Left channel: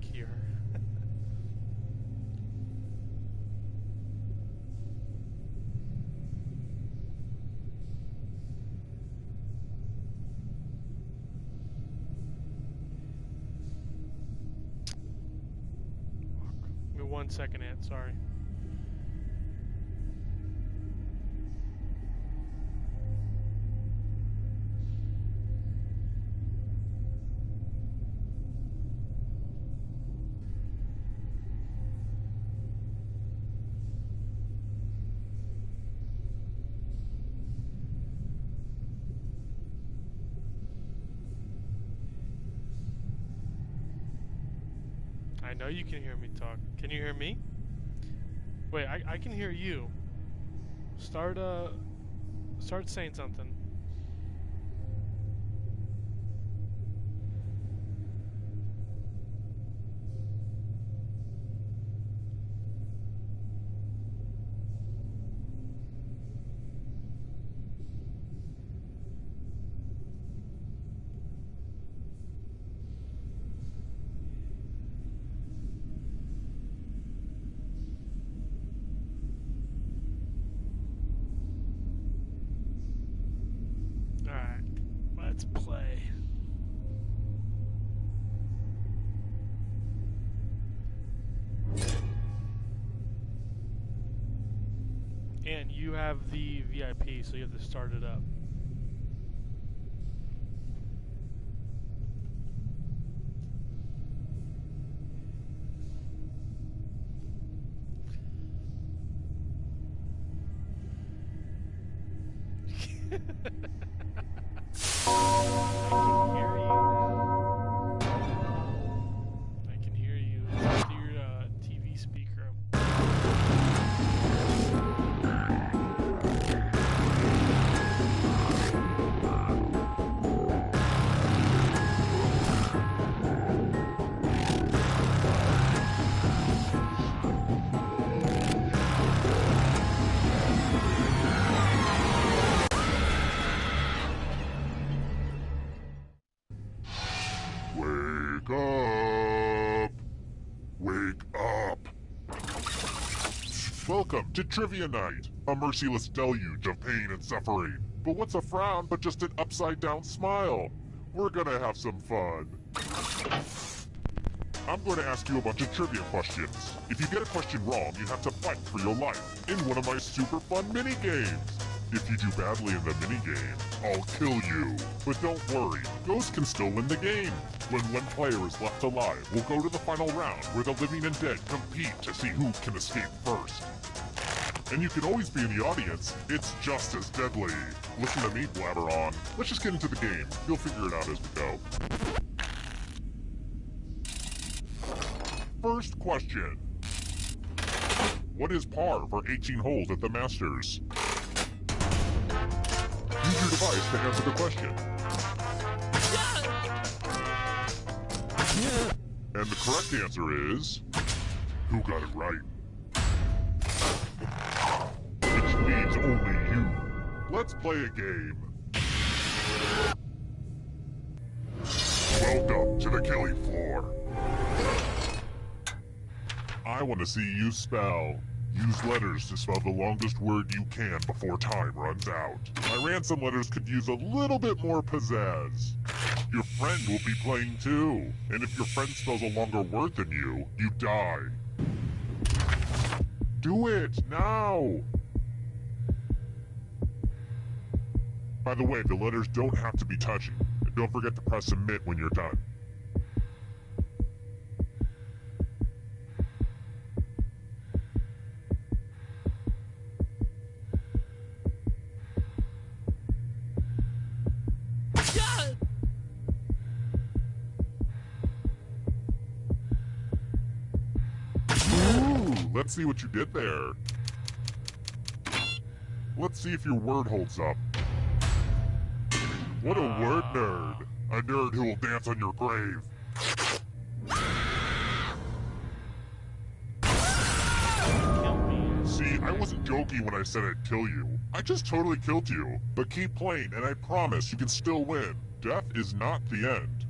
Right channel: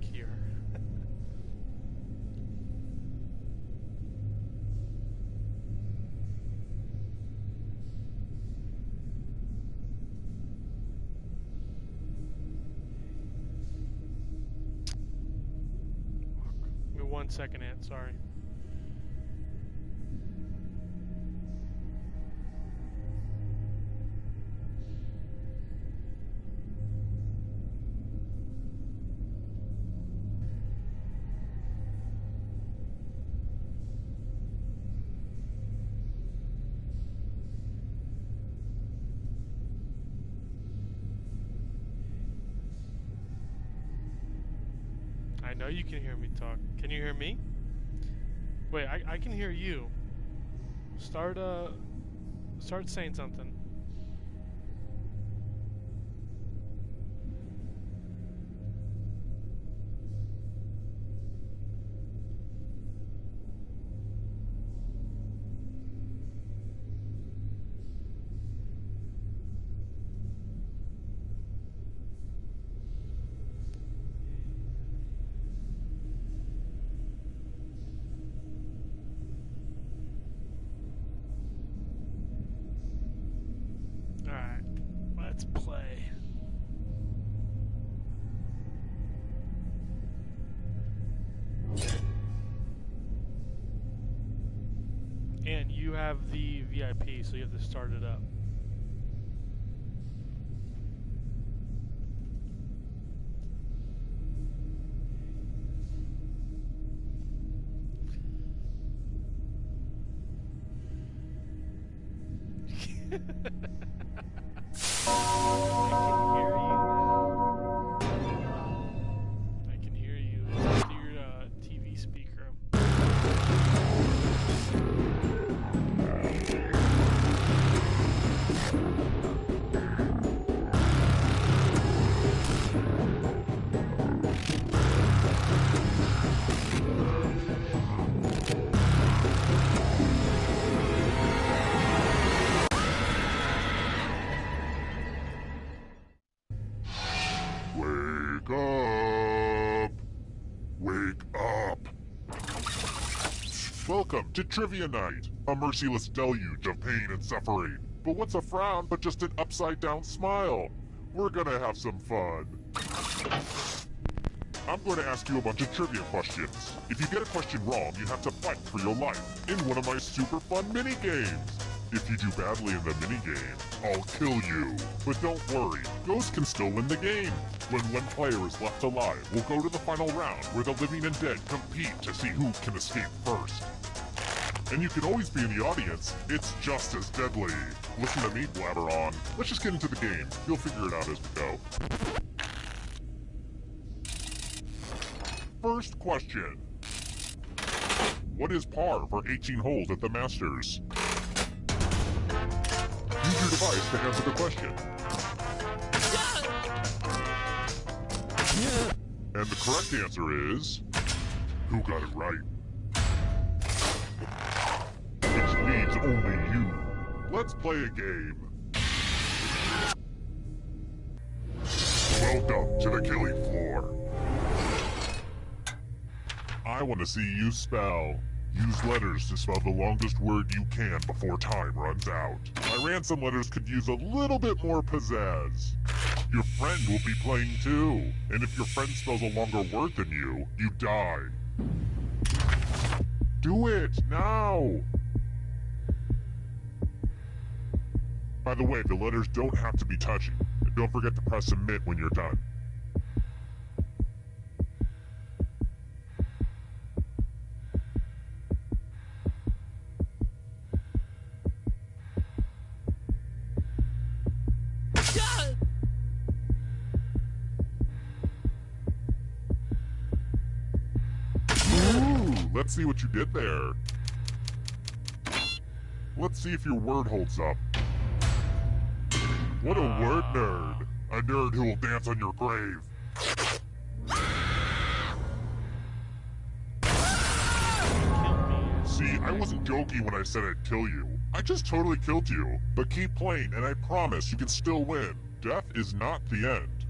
here. Give me 1 second, Ant. Sorry. I know you can hear me talk. Can you hear me? Wait, I can hear you. Start saying something. Alright, let's play. And you have the VIP, so you have to start it up. I can hear you. It's through your TV speaker. Wake up! Wake up! Welcome to Trivia Night, a merciless deluge of pain and suffering. But what's a frown but just an upside-down smile? We're gonna have some fun. I'm going to ask you a bunch of trivia questions. If you get a question wrong, you have to fight for your life in one of my super fun mini-games. If you do badly in the minigame, I'll kill you. But don't worry, Ghost can still win the game. When one player is left alive, we'll go to the final round where the living and dead compete to see who can escape first. And you can always be in the audience. It's just as deadly. Listen to me blabber on. Let's just get into the game. You'll figure it out as we go. First question. What is par for 18 holes at the Masters? Use your device to answer the question. And the correct answer is... Who got it right? Which leaves only you. Let's play a game. Welcome to the killing floor. I want to see you spell. Use letters to spell the longest word you can before time runs out. My ransom letters could use a little bit more pizzazz. Your friend will be playing too. And if your friend spells a longer word than you, you die. Do it, now! By the way, the letters don't have to be touching. And don't forget to press submit when you're done. Let's see what you did there. Let's see if your word holds up. What a word nerd. A nerd who will dance on your grave. See, I wasn't joking when I said I'd kill you. I just totally killed you. But keep playing, and I promise you can still win. Death is not the end.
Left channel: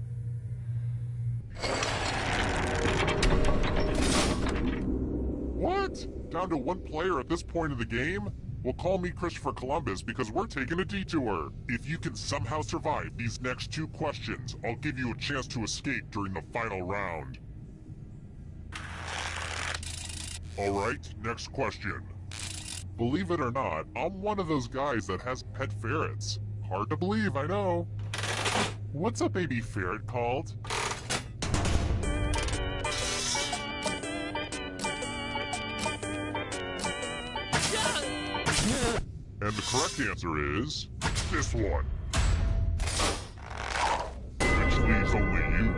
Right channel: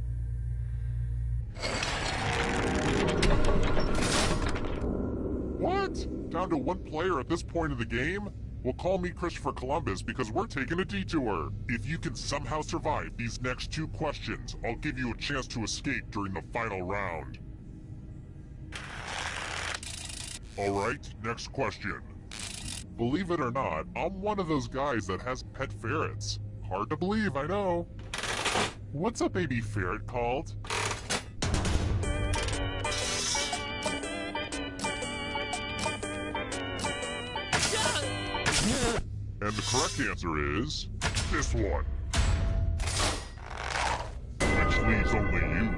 What? Down to one player at this point of the game? Well, call me Christopher Columbus because we're taking a detour. If you can somehow survive these next 2 questions, I'll give you a chance to escape during the final round. Alright, next question. Believe it or not, I'm one of those guys that has pet ferrets. Hard to believe, I know. What's a baby ferret called? And the correct answer is this one. Which leaves only you.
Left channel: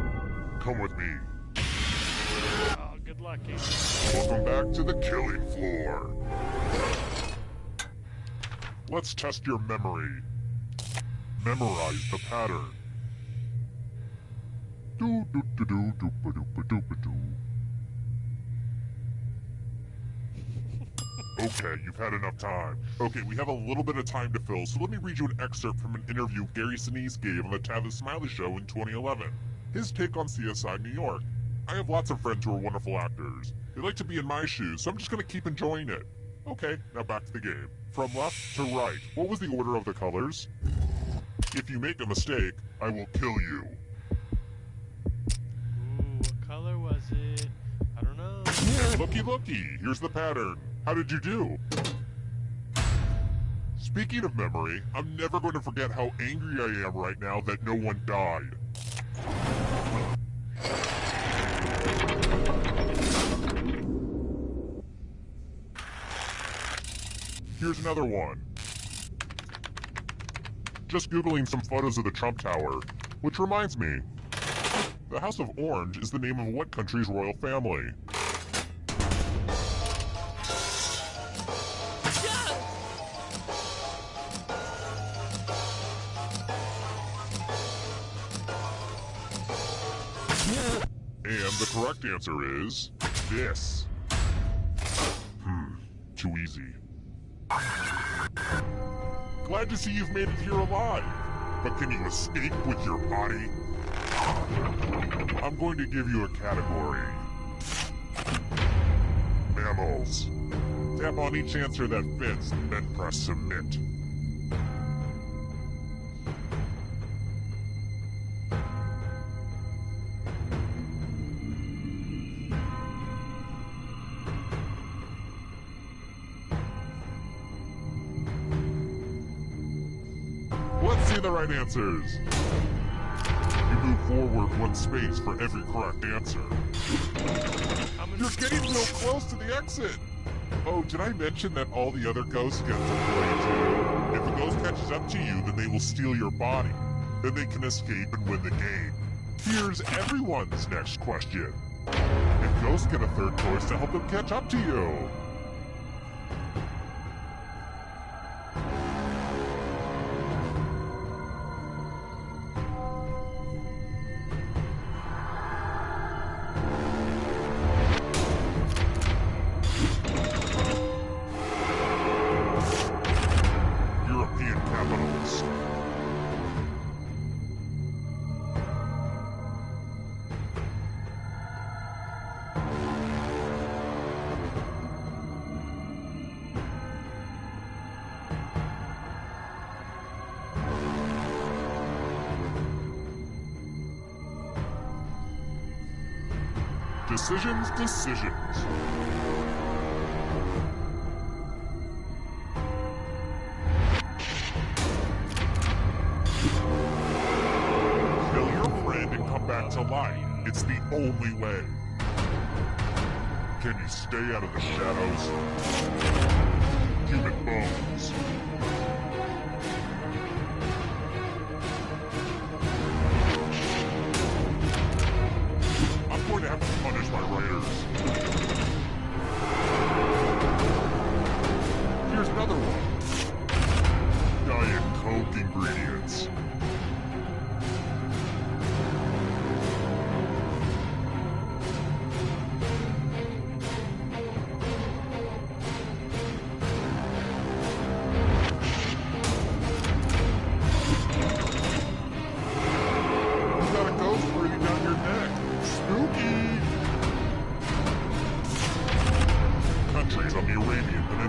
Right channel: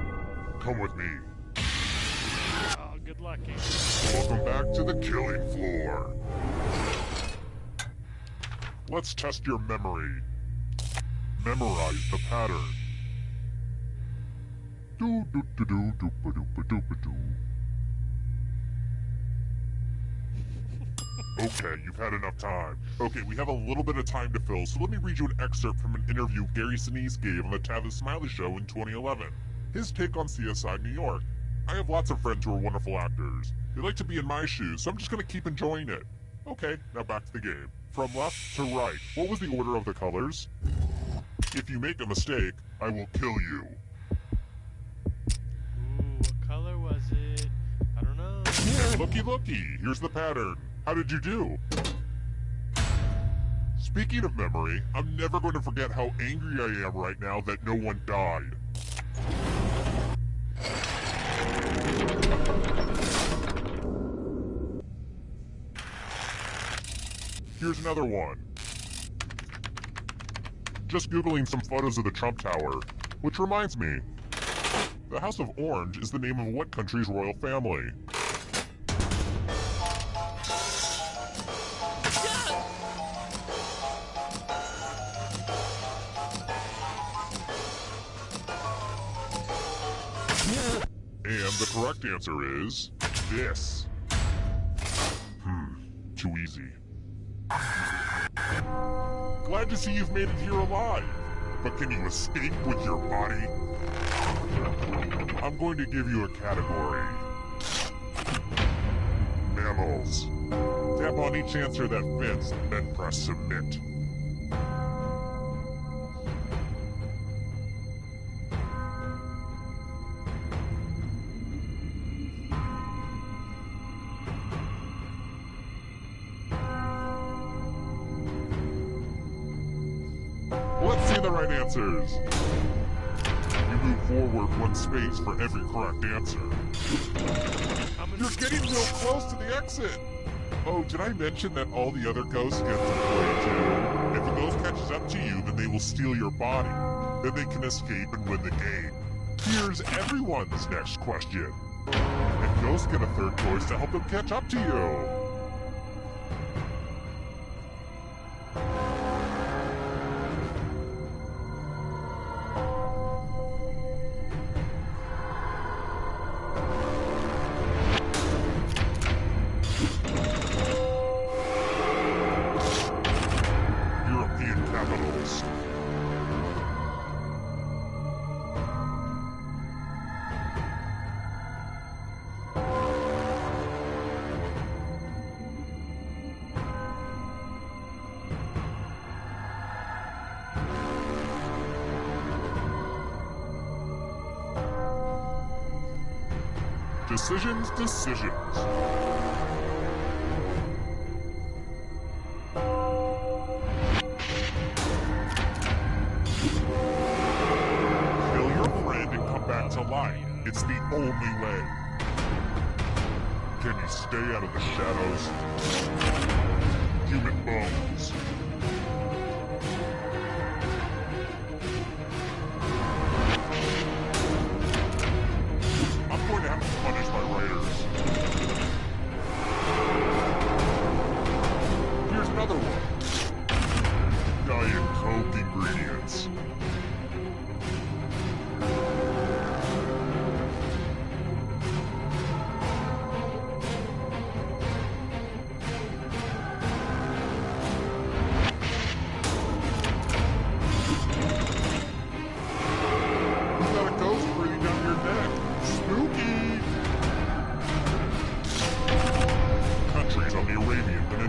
Come with me. Oh, good luck, Amy. Welcome back to the killing floor. Let's test your memory. Memorize the pattern. Do do do do do ba do ba do ba do. Okay, you've had enough time. Okay, we have a little bit of time to fill, so let me read you an excerpt from an interview Gary Sinise gave on the Tavis Smiley Show in 2011. His take on CSI New York. I have lots of friends who are wonderful actors. They like to be in my shoes, so I'm just gonna keep enjoying it. Okay, now back to the game. From left to right, what was the order of the colors? If you make a mistake, I will kill you. Ooh, what color was it? I don't know. And looky, here's the pattern. How did you do? Speaking of memory, I'm never going to forget how angry I am right now that no one died. Here's another one. Just Googling some photos of the Trump Tower, which reminds me, the House of Orange is the name of what country's royal family? And the correct answer is this. Too easy. Glad to see you've made it here alive, but can you escape with your body? I'm going to give you a category. Mammals. Tap on each answer that fits, then press submit. Let's see the right answers. You move forward 1 space for every correct answer. You're getting real close to the exit. Oh, did I mention that all the other ghosts get to play too? If a ghost catches up to you, then they will steal your body. Then they can escape and win the game. Here's everyone's next question. And ghosts get a third choice to help them catch up to you. European capitals. Decisions. Kill your friend and come back to life. It's the only way. Can you stay out of the shadows? Human bones. I'm going to have to punish my writers. Here's another one. Diet Coke ingredients. You got a ghost breathing down your neck. Spooky!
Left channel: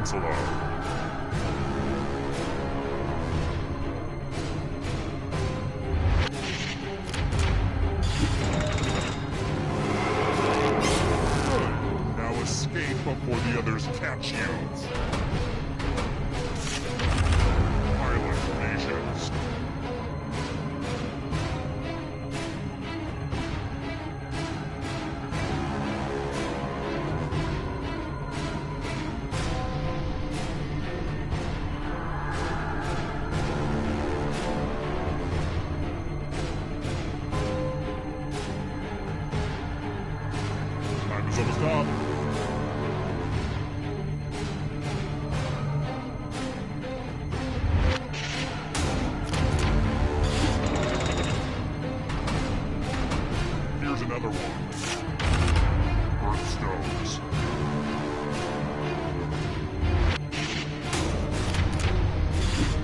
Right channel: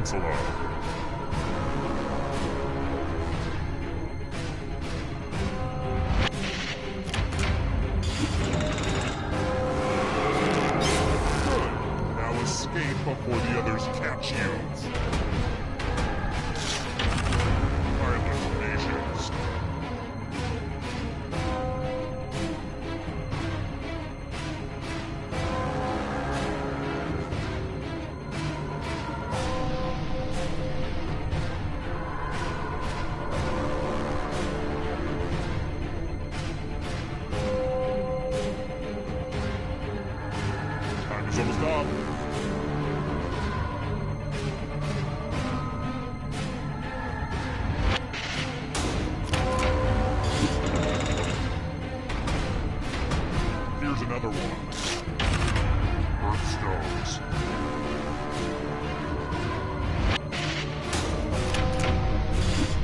Peninsula. Good. Now escape before the others catch you. Island nations. Time is almost up. Here's another one. Earthstones.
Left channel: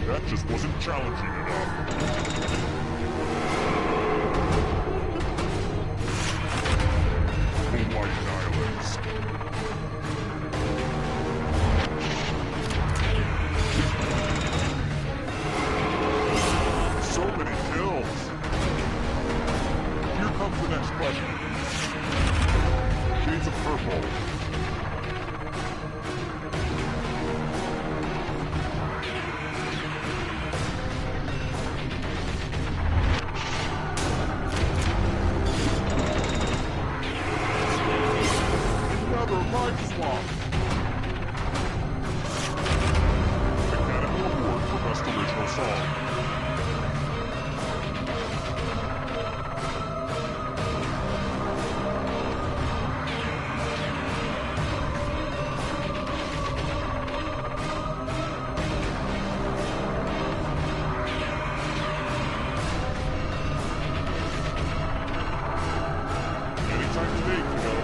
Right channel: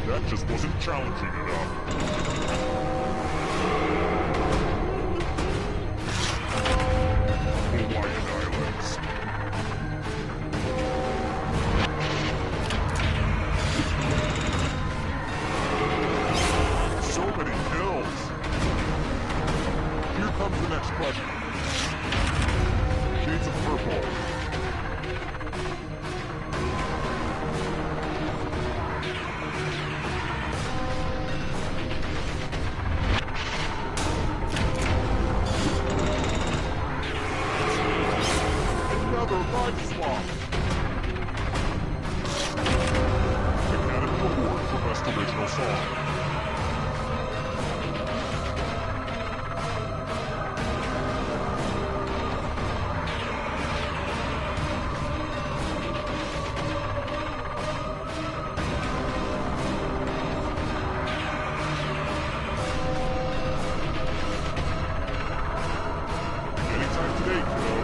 That just wasn't challenging enough. Hawaiian Islands. So many kills. Here comes the next question. Shades of purple. Another life swap. Academy Award for Best Original Song. Anytime today, kiddo.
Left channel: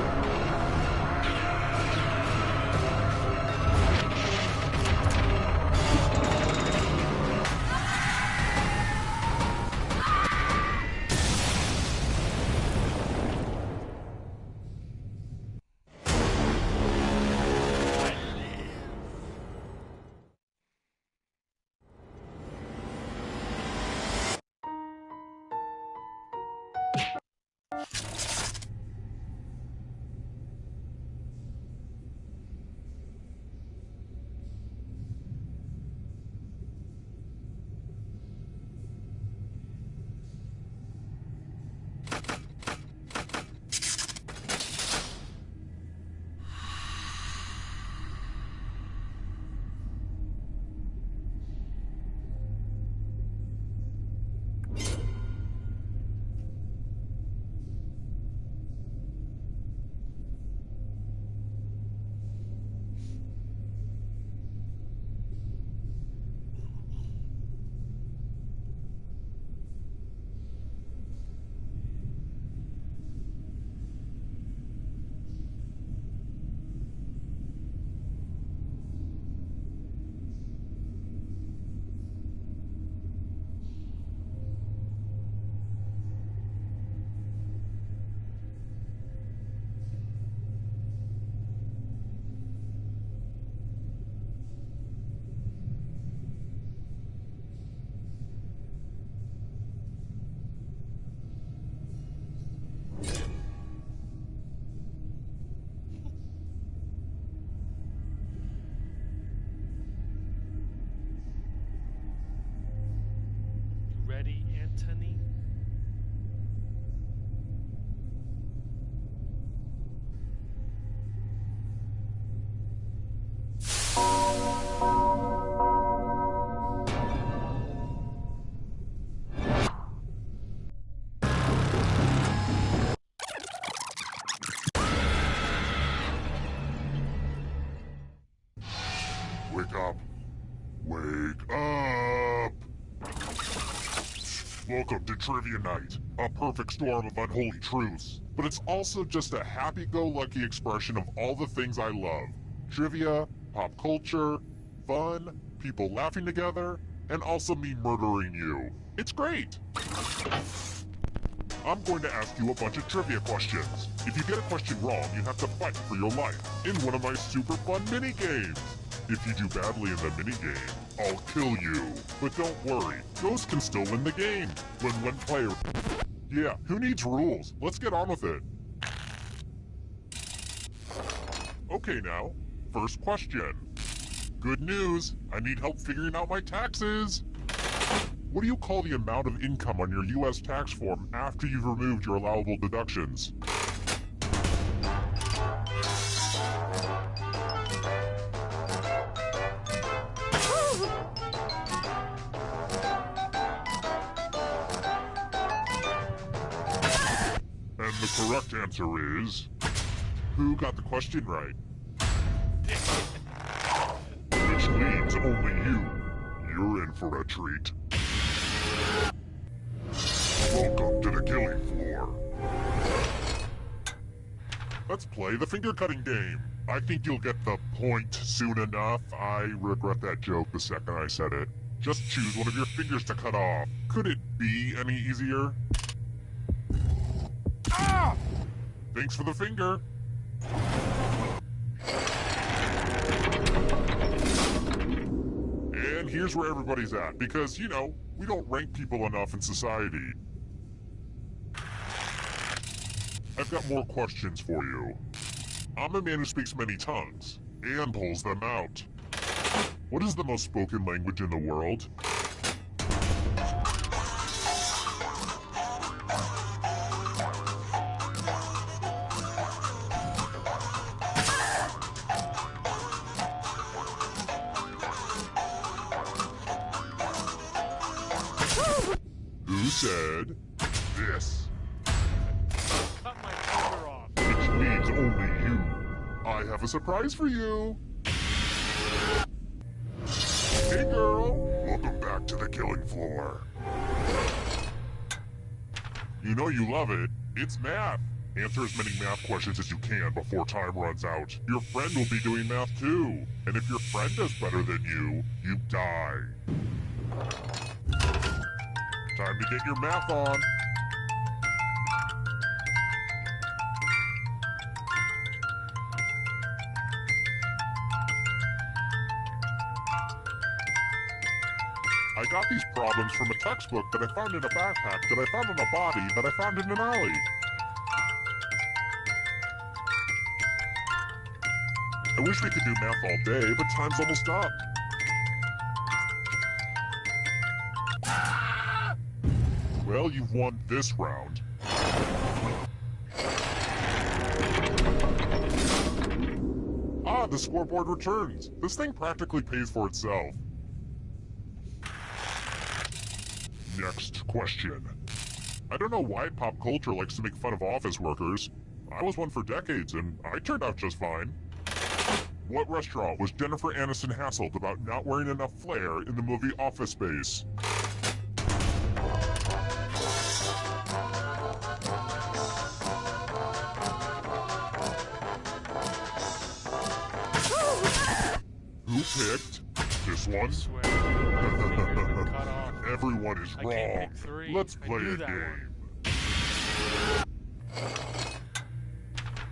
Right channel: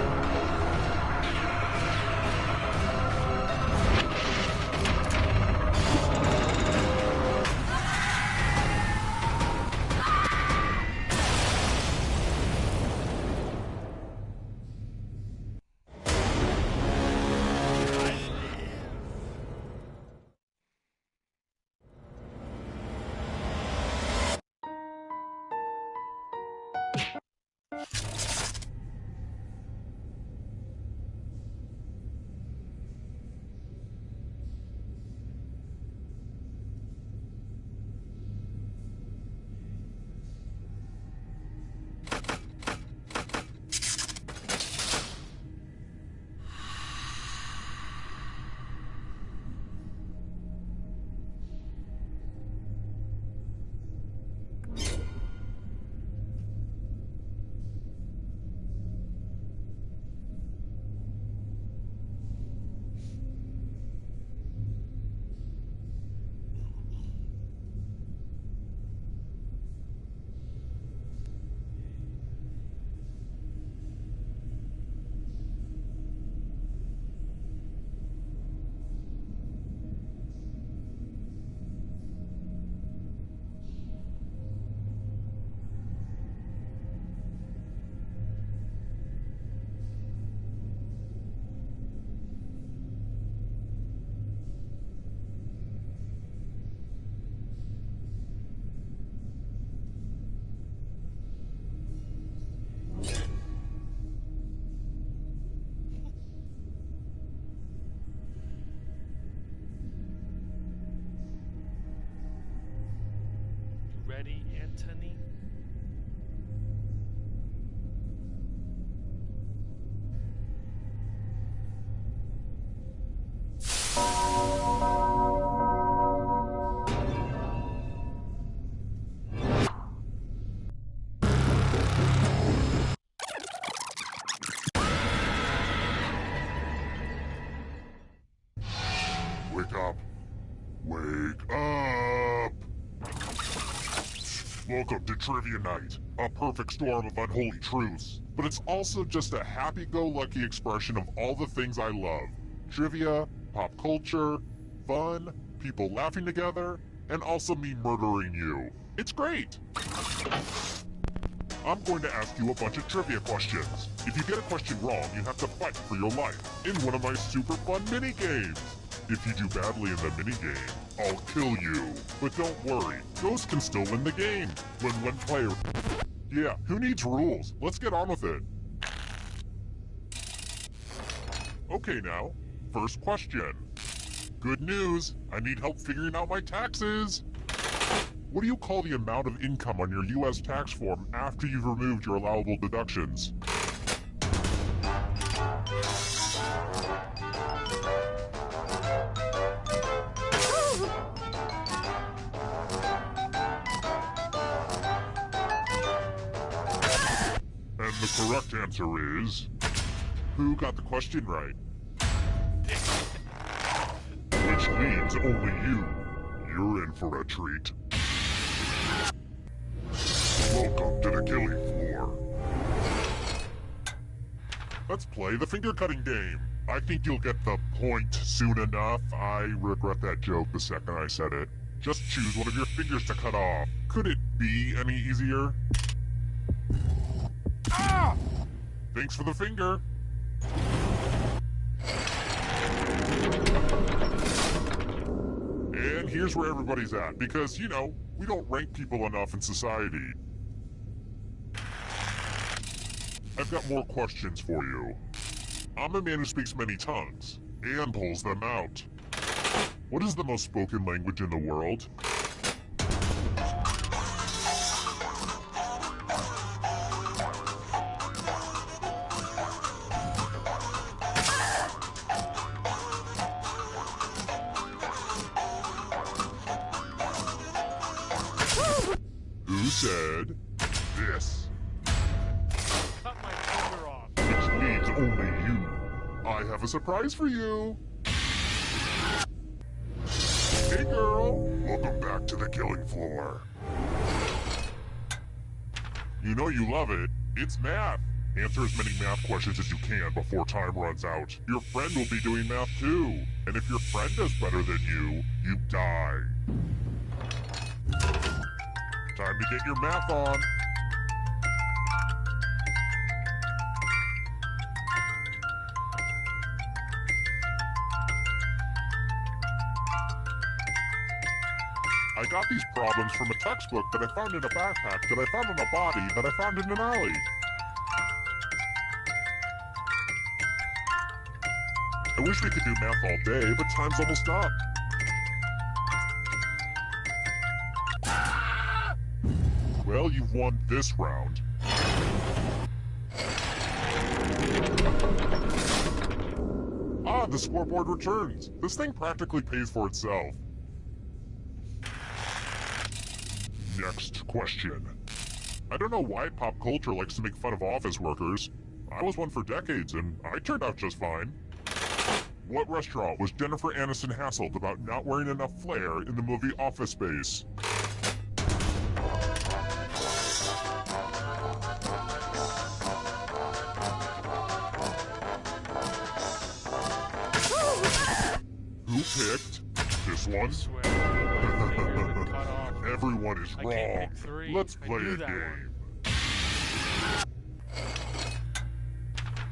Ready, Anthony? Wake up. Wake up! Welcome to Trivia Night, a perfect storm of unholy truths. But it's also just a happy-go-lucky expression of all the things I love. Trivia, pop culture, fun, people laughing together, and also me murdering you. It's great! I'm going to ask you a bunch of trivia questions. If you get a question wrong, you have to fight for your life in one of my super fun mini-games. If you do badly in the minigame, I'll kill you. But don't worry, Ghost can still win the game. When one player... Yeah, who needs rules? Let's get on with it. Okay now, first question. Good news, I need help figuring out my taxes. What do you call the amount of income on your US tax form after you've removed your allowable deductions? And the correct answer is... Who got the question right? Which leaves only you. You're in for a treat. Welcome to the killing floor. Let's play the finger-cutting game. I think you'll get the point soon enough. I regret that joke the second I said it. Just choose one of your fingers to cut off. Could it be any easier? Ah! Thanks for the finger. And here's where everybody's at, because, you know, we don't rank people enough in society. I've got more questions for you. I'm a man who speaks many tongues, and pulls them out. What is the most spoken language in the world? Who said this? Cut my finger off. Which leaves only you. I have a surprise for you. Hey girl, welcome back to the killing floor. You know you love it. It's math. Answer as many math questions as you can before time runs out. Your friend will be doing math too. And if your friend does better than you die. Time to get your math on. I got these problems from a textbook that I found in a backpack that I found in a body that I found in an alley. I wish we could do math all day, but time's almost up. Well, you've won this round. Ah, the scoreboard returns. This thing practically pays for itself. Next question. I don't know why pop culture likes to make fun of office workers. I was one for decades, and I turned out just fine. What restaurant was Jennifer Aniston hassled about not wearing enough flair in the movie Office Space? Who picked this one? I swear, my finger's been cut off. Everyone is I can't wrong. pick three. Let's I play knew a that game.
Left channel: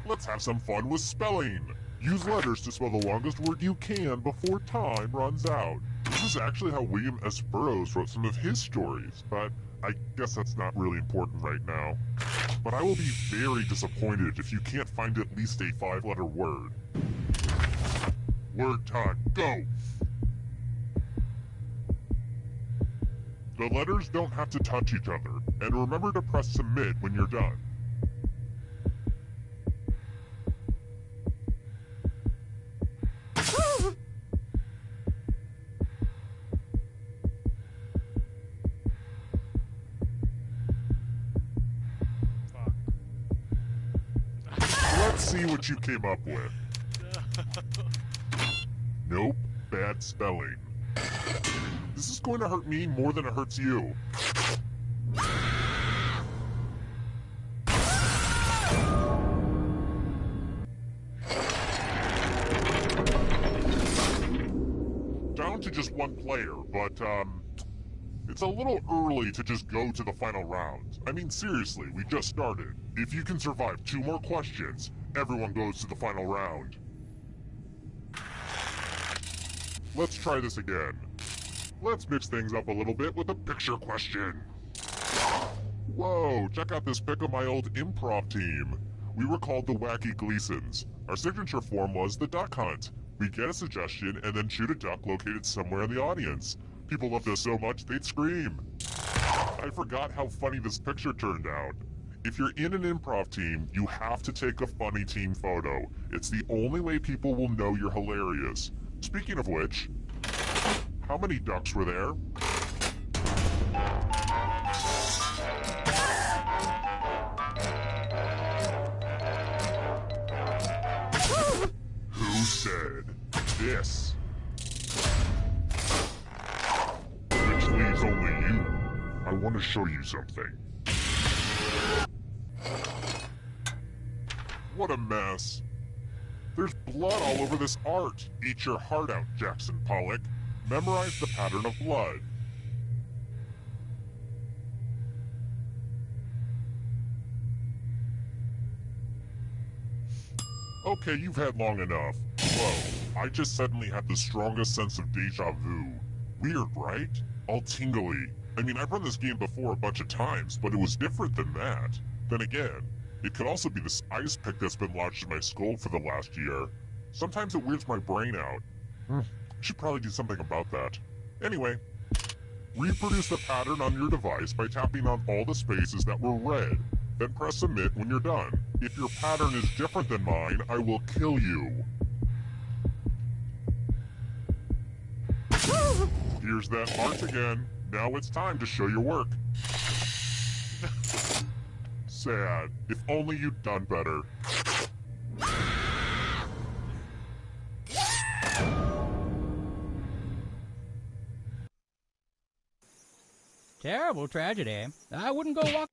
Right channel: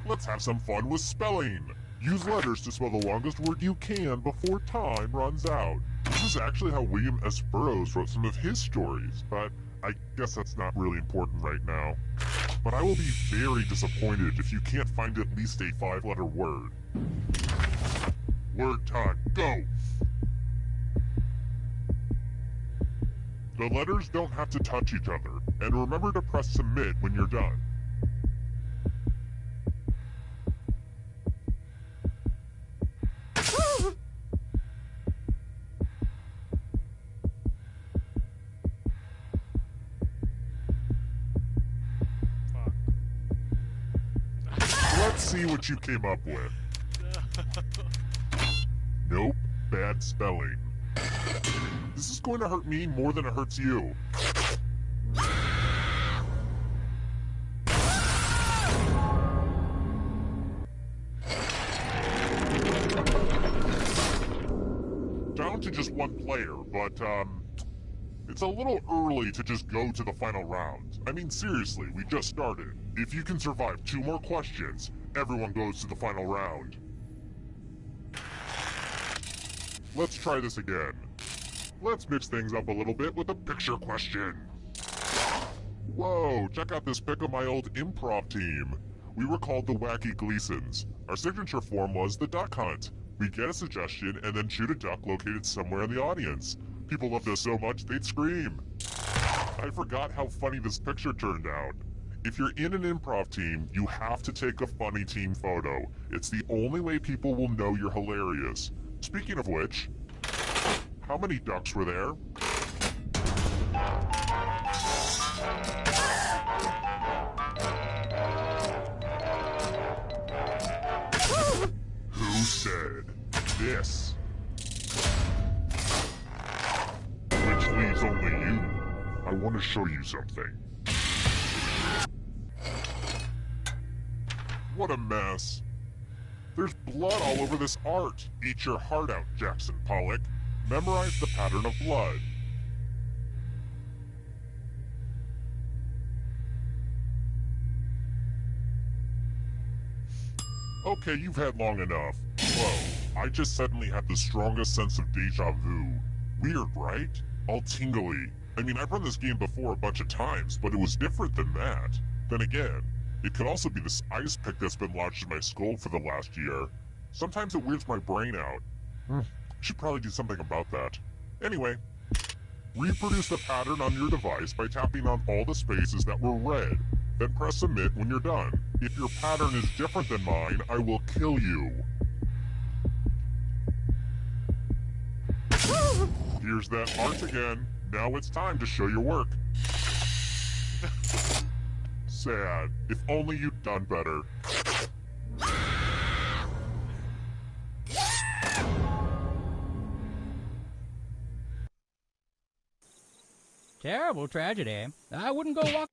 Let's have some fun with spelling. Use letters to spell the longest word you can before time runs out. This is actually how William S. Burroughs wrote some of his stories, but I guess that's not really important right now. But I will be very disappointed if you can't find at least a 5-letter word. Word time, go! The letters don't have to touch each other, and remember to press submit when you're done. Let's see what you came up with. Nope, bad spelling. This is going to hurt me more than it hurts you. Down to just one player, but, it's a little early to just go to the final round. I mean, seriously, we just started. If you can survive 2 more questions, everyone goes to the final round. let's try this again. Let's mix things up a little bit with a picture question. Whoa, check out this pic of my old improv team. We were called the Wacky Gleasons. Our signature form was the duck hunt. We'd get a suggestion and then shoot a duck located somewhere in the audience. People loved us so much they'd scream. I forgot how funny this picture turned out. If you're in an improv team, you have to take a funny team photo. It's the only way people will know you're hilarious. Speaking of which, how many ducks were there? Who said this? Which leaves only you. I want to show you something. What a mess. There's blood all over this art. Eat your heart out, Jackson Pollock. Memorize the pattern of blood. Okay, you've had long enough. Whoa, I just suddenly had the strongest sense of deja vu. Weird, right? All tingly. I mean, I've run this game before a bunch of times, but it was different than that. Then again, it could also be this ice pick that's been lodged in my skull for the last year. Sometimes it weirds my brain out. I should probably do something about that. Anyway, reproduce the pattern on your device by tapping on all the spaces that were red. Then press submit when you're done. If your pattern is different than mine, I will kill you. Here's that art again. Now it's time to show your work. Sad. If only you'd done better. Terrible tragedy. I wouldn't go walk.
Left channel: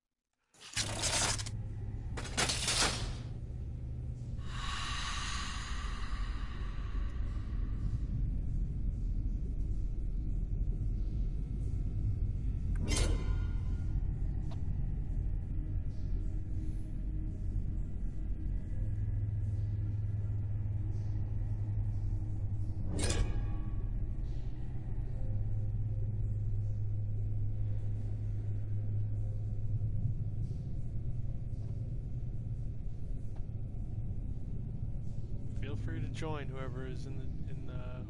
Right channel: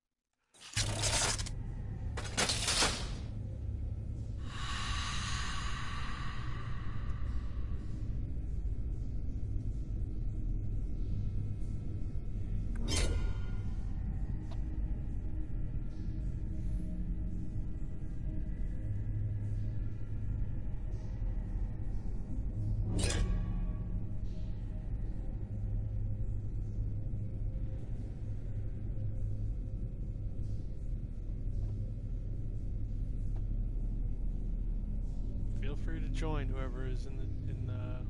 Feel free to join whoever is in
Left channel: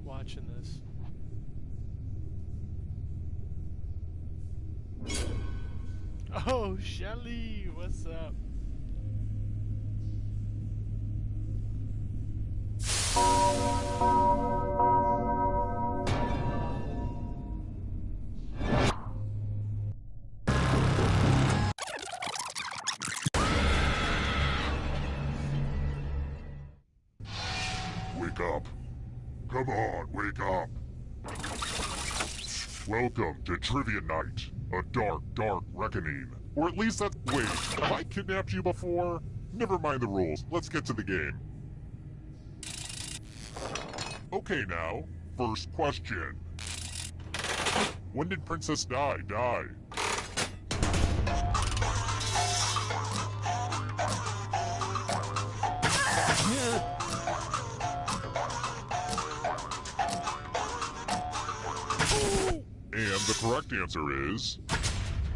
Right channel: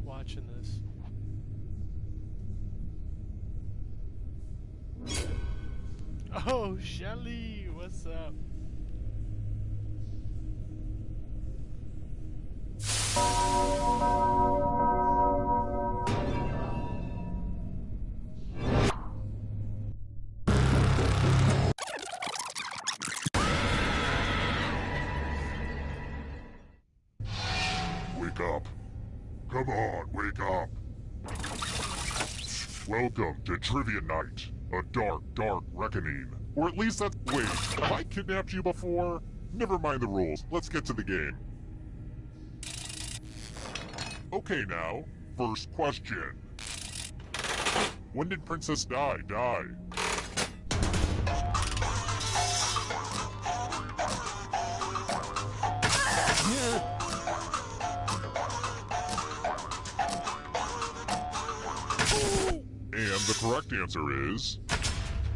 watching this. Oh, Shelly, what's up? Wake up. Come on, wake up. Welcome to Trivia Night, a dark, dark reckoning. Or at least that's... Wait, have I kidnapped you before? Never mind the rules, let's get to the game. Okay now, first question. When did Princess Di die? And the correct answer is...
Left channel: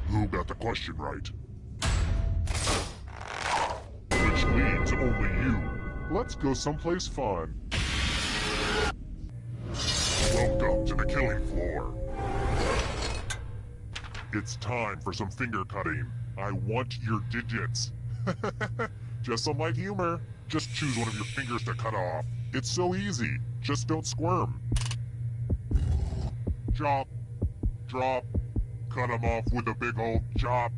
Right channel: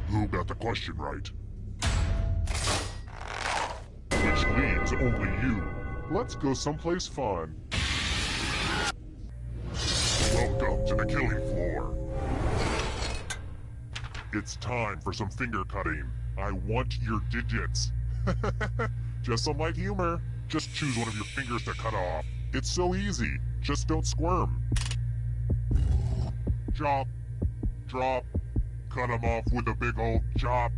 Who got the question right? Which leaves only you. Let's go someplace fun. Welcome to the killing floor. It's time for some finger cutting. I want your digits. Just some light humor. Just choose one of your fingers to cut off. It's so easy. Just don't squirm. Chop. Drop. Cut them off with a big old chop.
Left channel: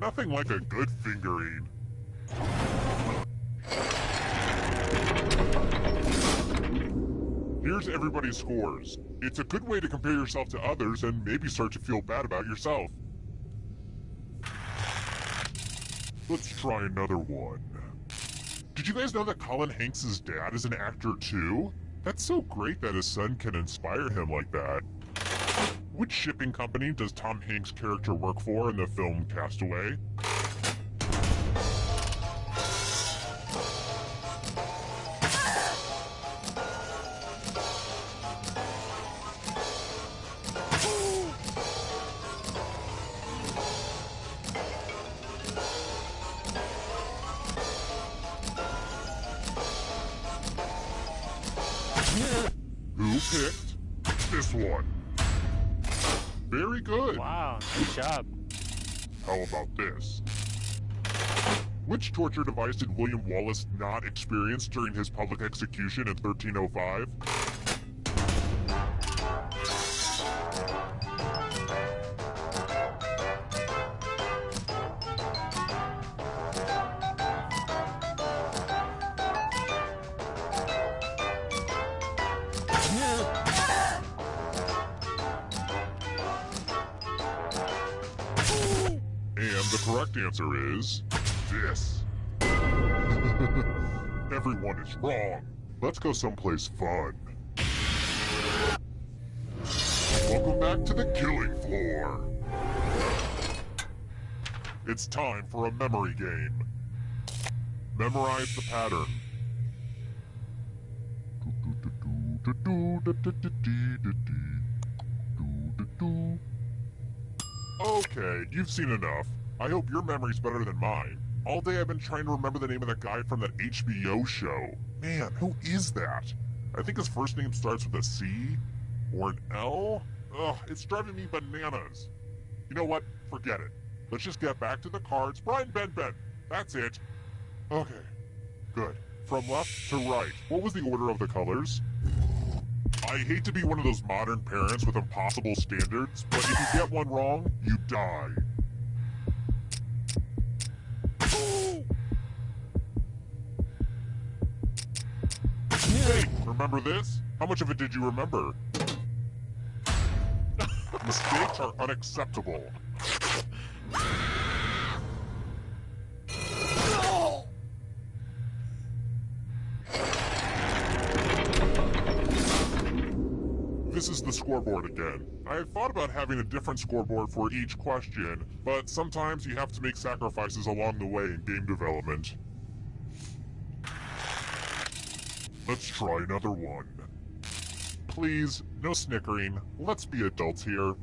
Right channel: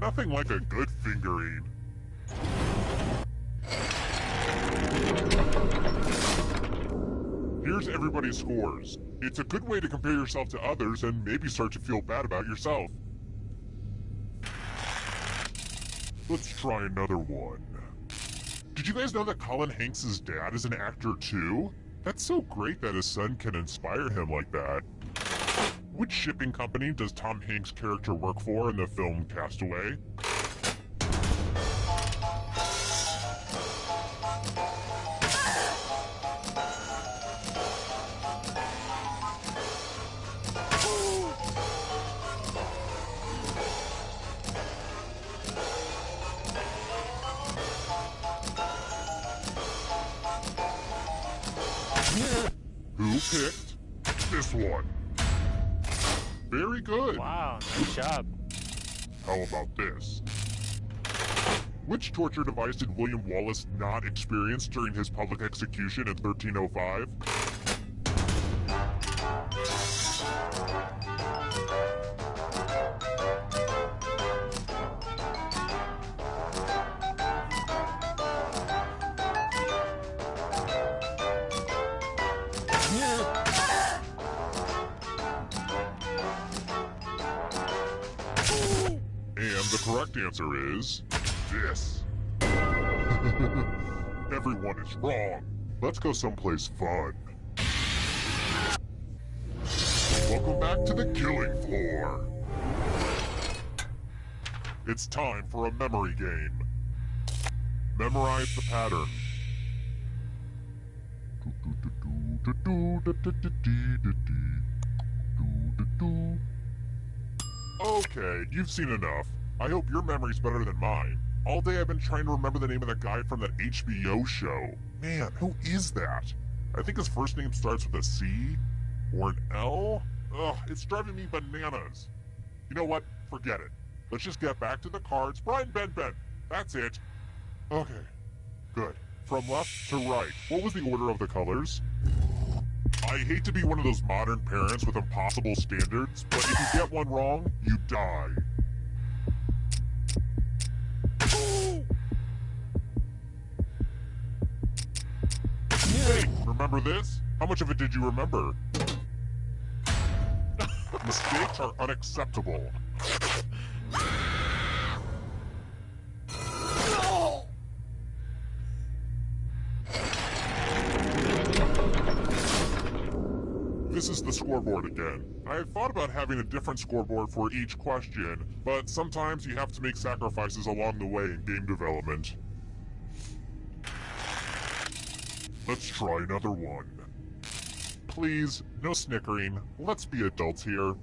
Nothing like a good fingering. Here's everybody's scores. It's a good way to compare yourself to others and maybe start to feel bad about yourself. Let's try another one. Did you guys know that Colin Hanks' dad is an actor too? That's so great that his son can inspire him like that. Which shipping company does Tom Hanks' character work for in the film Castaway? picked this one. Very good. Wow, nice job. How about this? Which torture device did William Wallace not experience during his public execution in 1305? And the correct answer is this. Everyone is wrong. Let's go someplace fun. Welcome back to the killing floor. It's time for a memory game. Memorize the pattern. Okay, you've seen enough. I hope your memory's better than mine. All day I've been trying to remember the name of the guy from that HBO show. Man, who is that? I think his first name starts with a C? Or an L? Ugh, it's driving me bananas. You know what? Forget it. Let's just get back to the cards. Brian Ben. That's it. Okay, good. From left to right, what was the order of the colors? I hate to be one of those modern parents with impossible standards, but if you get one wrong, you die. Hey, remember this? How much of it did you remember? Mistakes are unacceptable. This is the scoreboard again. I have thought about having a different scoreboard for each question, but sometimes you have to make sacrifices along the way in game development. Let's try another one. Please, no snickering. Let's be adults here.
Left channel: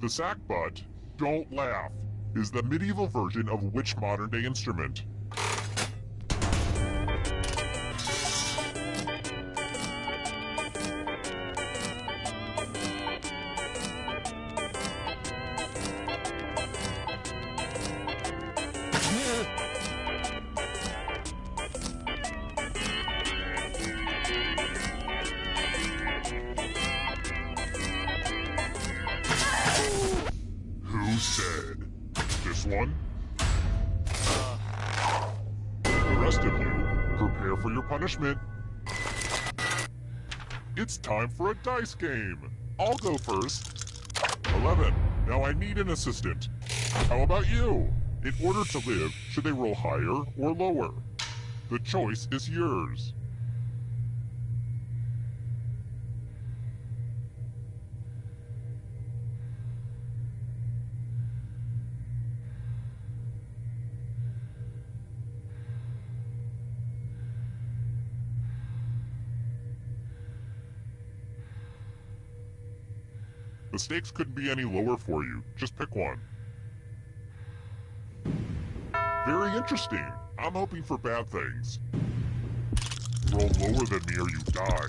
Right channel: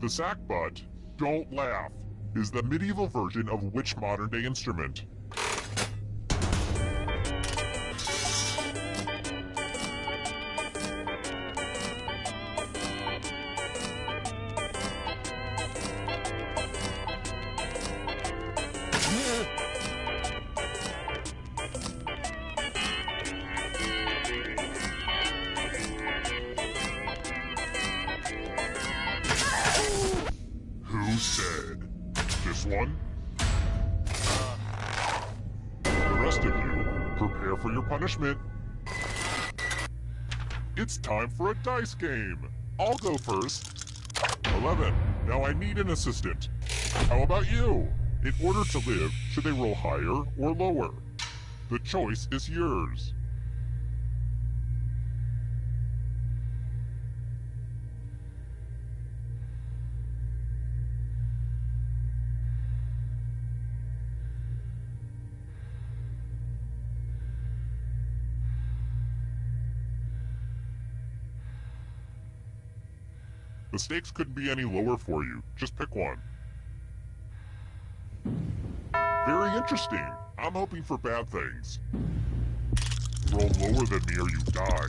The sackbut, don't laugh, is the medieval version of which modern-day instrument? Who said? This one? The rest of you, prepare for your punishment. It's time for a dice game. I'll go first. 11. Now I need an assistant. How about you? In order to live, should they roll higher or lower? The choice is yours. The stakes couldn't be any lower for you. Just pick one. Very interesting. I'm hoping for bad things. Roll lower than me or you die.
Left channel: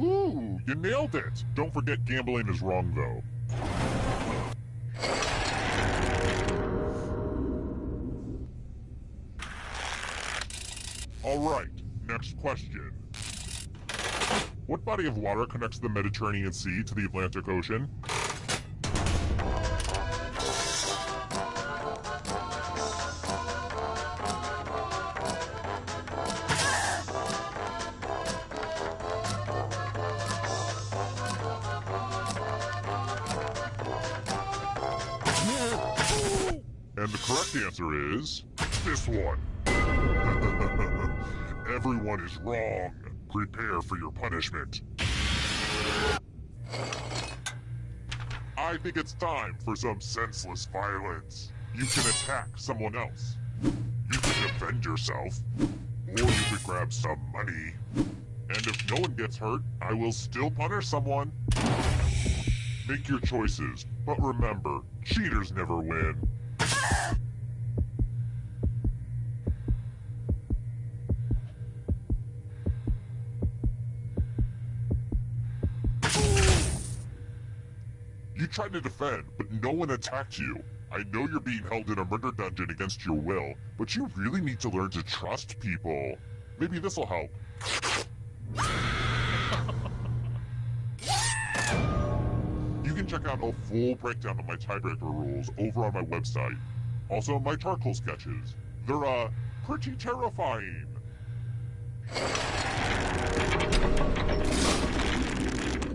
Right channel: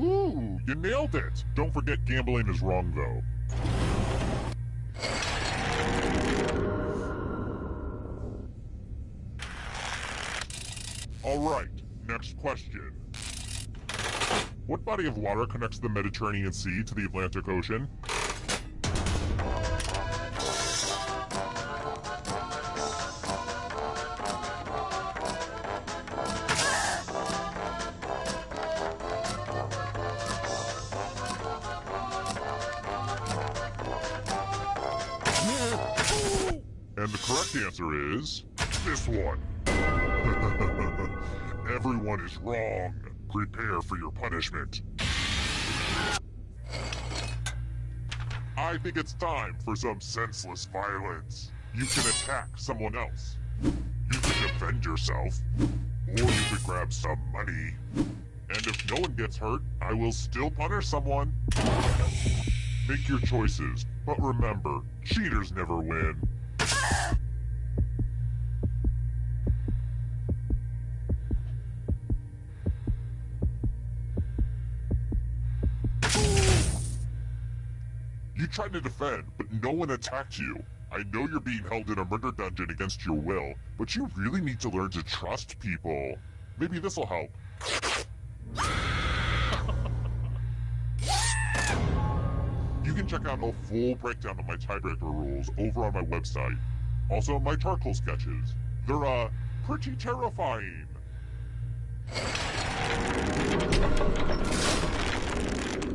Ooh, you nailed it. Don't forget gambling is wrong though. Alright, next question. What body of water connects the Mediterranean Sea to the Atlantic Ocean? And the correct answer is this one. Everyone is wrong. Prepare for your punishment. I think it's time for some senseless violence. You can attack someone else. You can defend yourself. Or you could grab some money. And if no one gets hurt, I will still punish someone. Make your choices, but remember, cheaters never win. tried to defend, but no one attacked you. I know you're being held in a murder dungeon against your will, but you really need to learn to trust people. Maybe this'll help. You can check out a full breakdown of my tiebreaker rules over on my website. Also, my charcoal sketches. They're, pretty terrifying.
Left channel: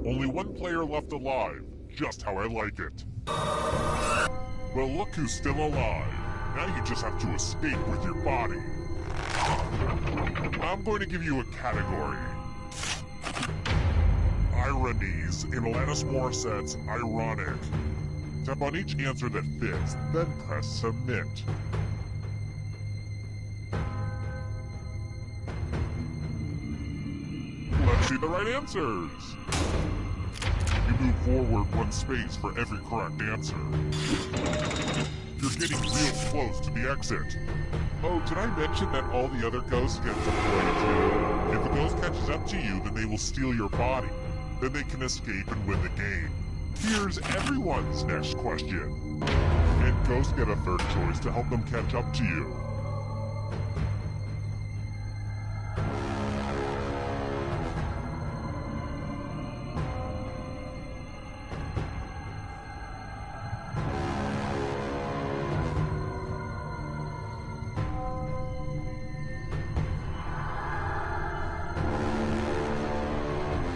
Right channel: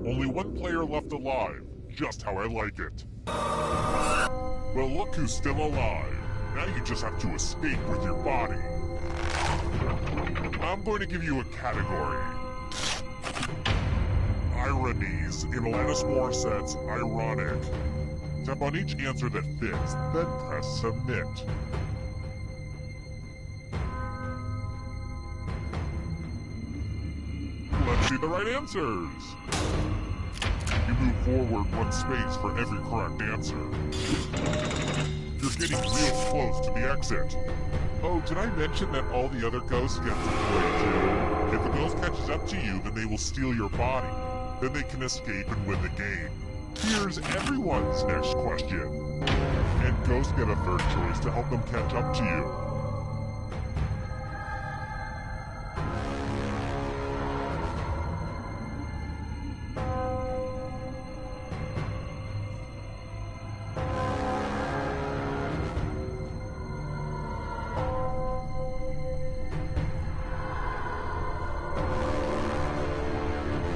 Only one player left alive, just how I like it. Well, look who's still alive. Now you just have to escape with your body. I'm going to give you a category. Ironies in Alanis Morissette's Ironic. Tap on each answer that fits, then press Submit. Let's see the right answers. You move forward one space for every correct answer. You're getting real close to the exit. Oh, did I mention that all the other ghosts get to play too? If a ghost catches up to you, then they will steal your body. Then they can escape and win the game. Here's everyone's next question. And ghosts get a third choice to help them catch up to you.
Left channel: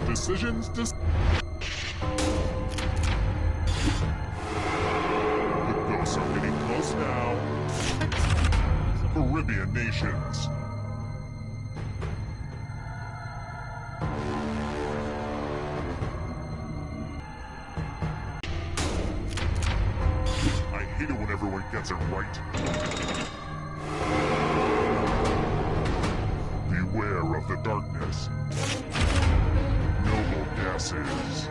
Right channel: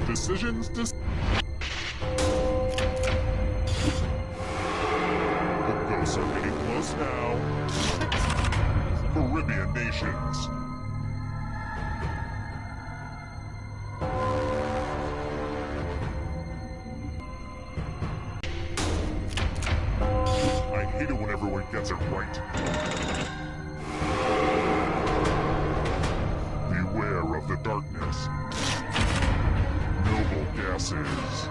Decisions The ghosts are getting close now. Caribbean nations. I hate it when everyone gets it right. Beware of the darkness. Noble gases.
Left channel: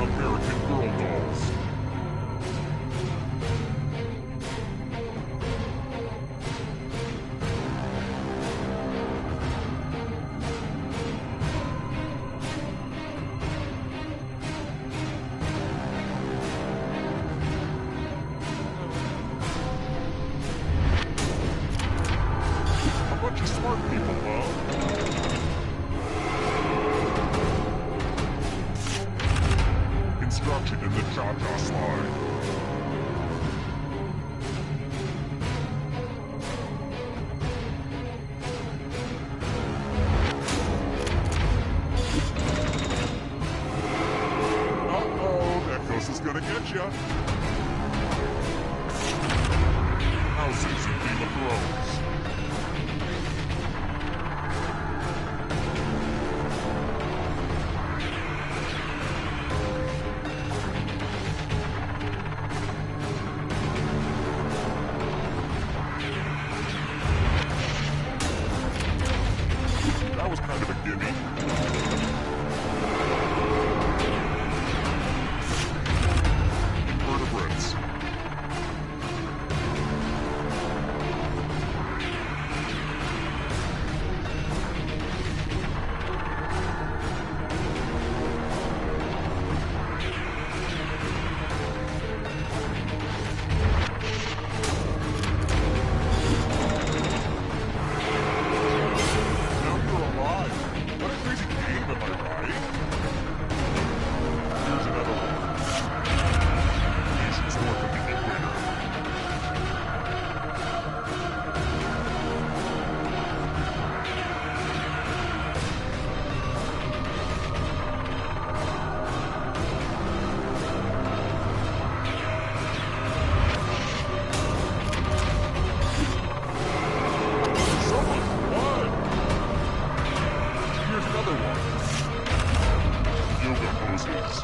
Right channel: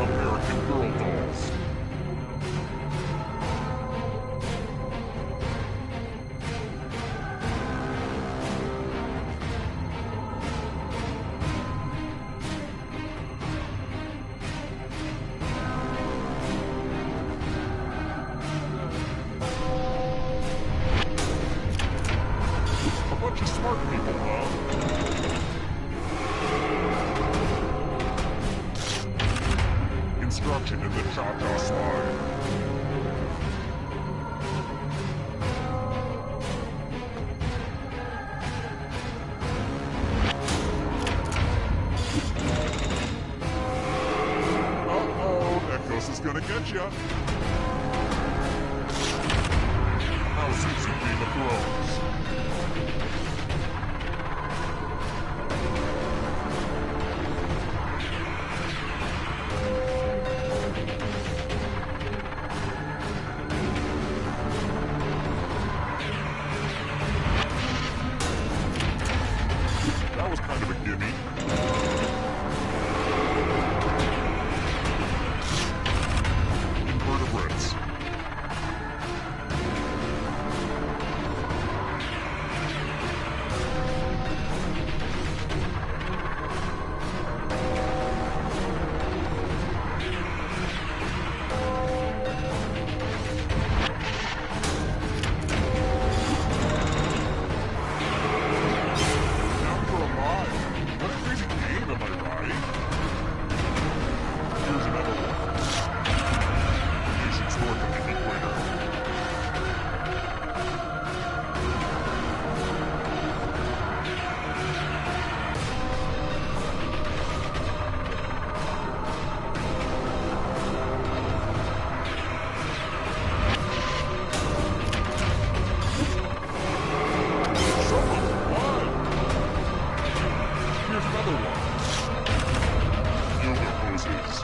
American Girl dolls. A bunch of smart people, huh? Instruction in the Cha-Cha slide. Uh-oh, that ghost is gonna get ya. Houses in Game of Thrones. That was kind of a gimme. Invertebrates. What a crazy game, am I right? Here's another one. Nations north of the equator. Someone's won! Here's another one. Yoga poses.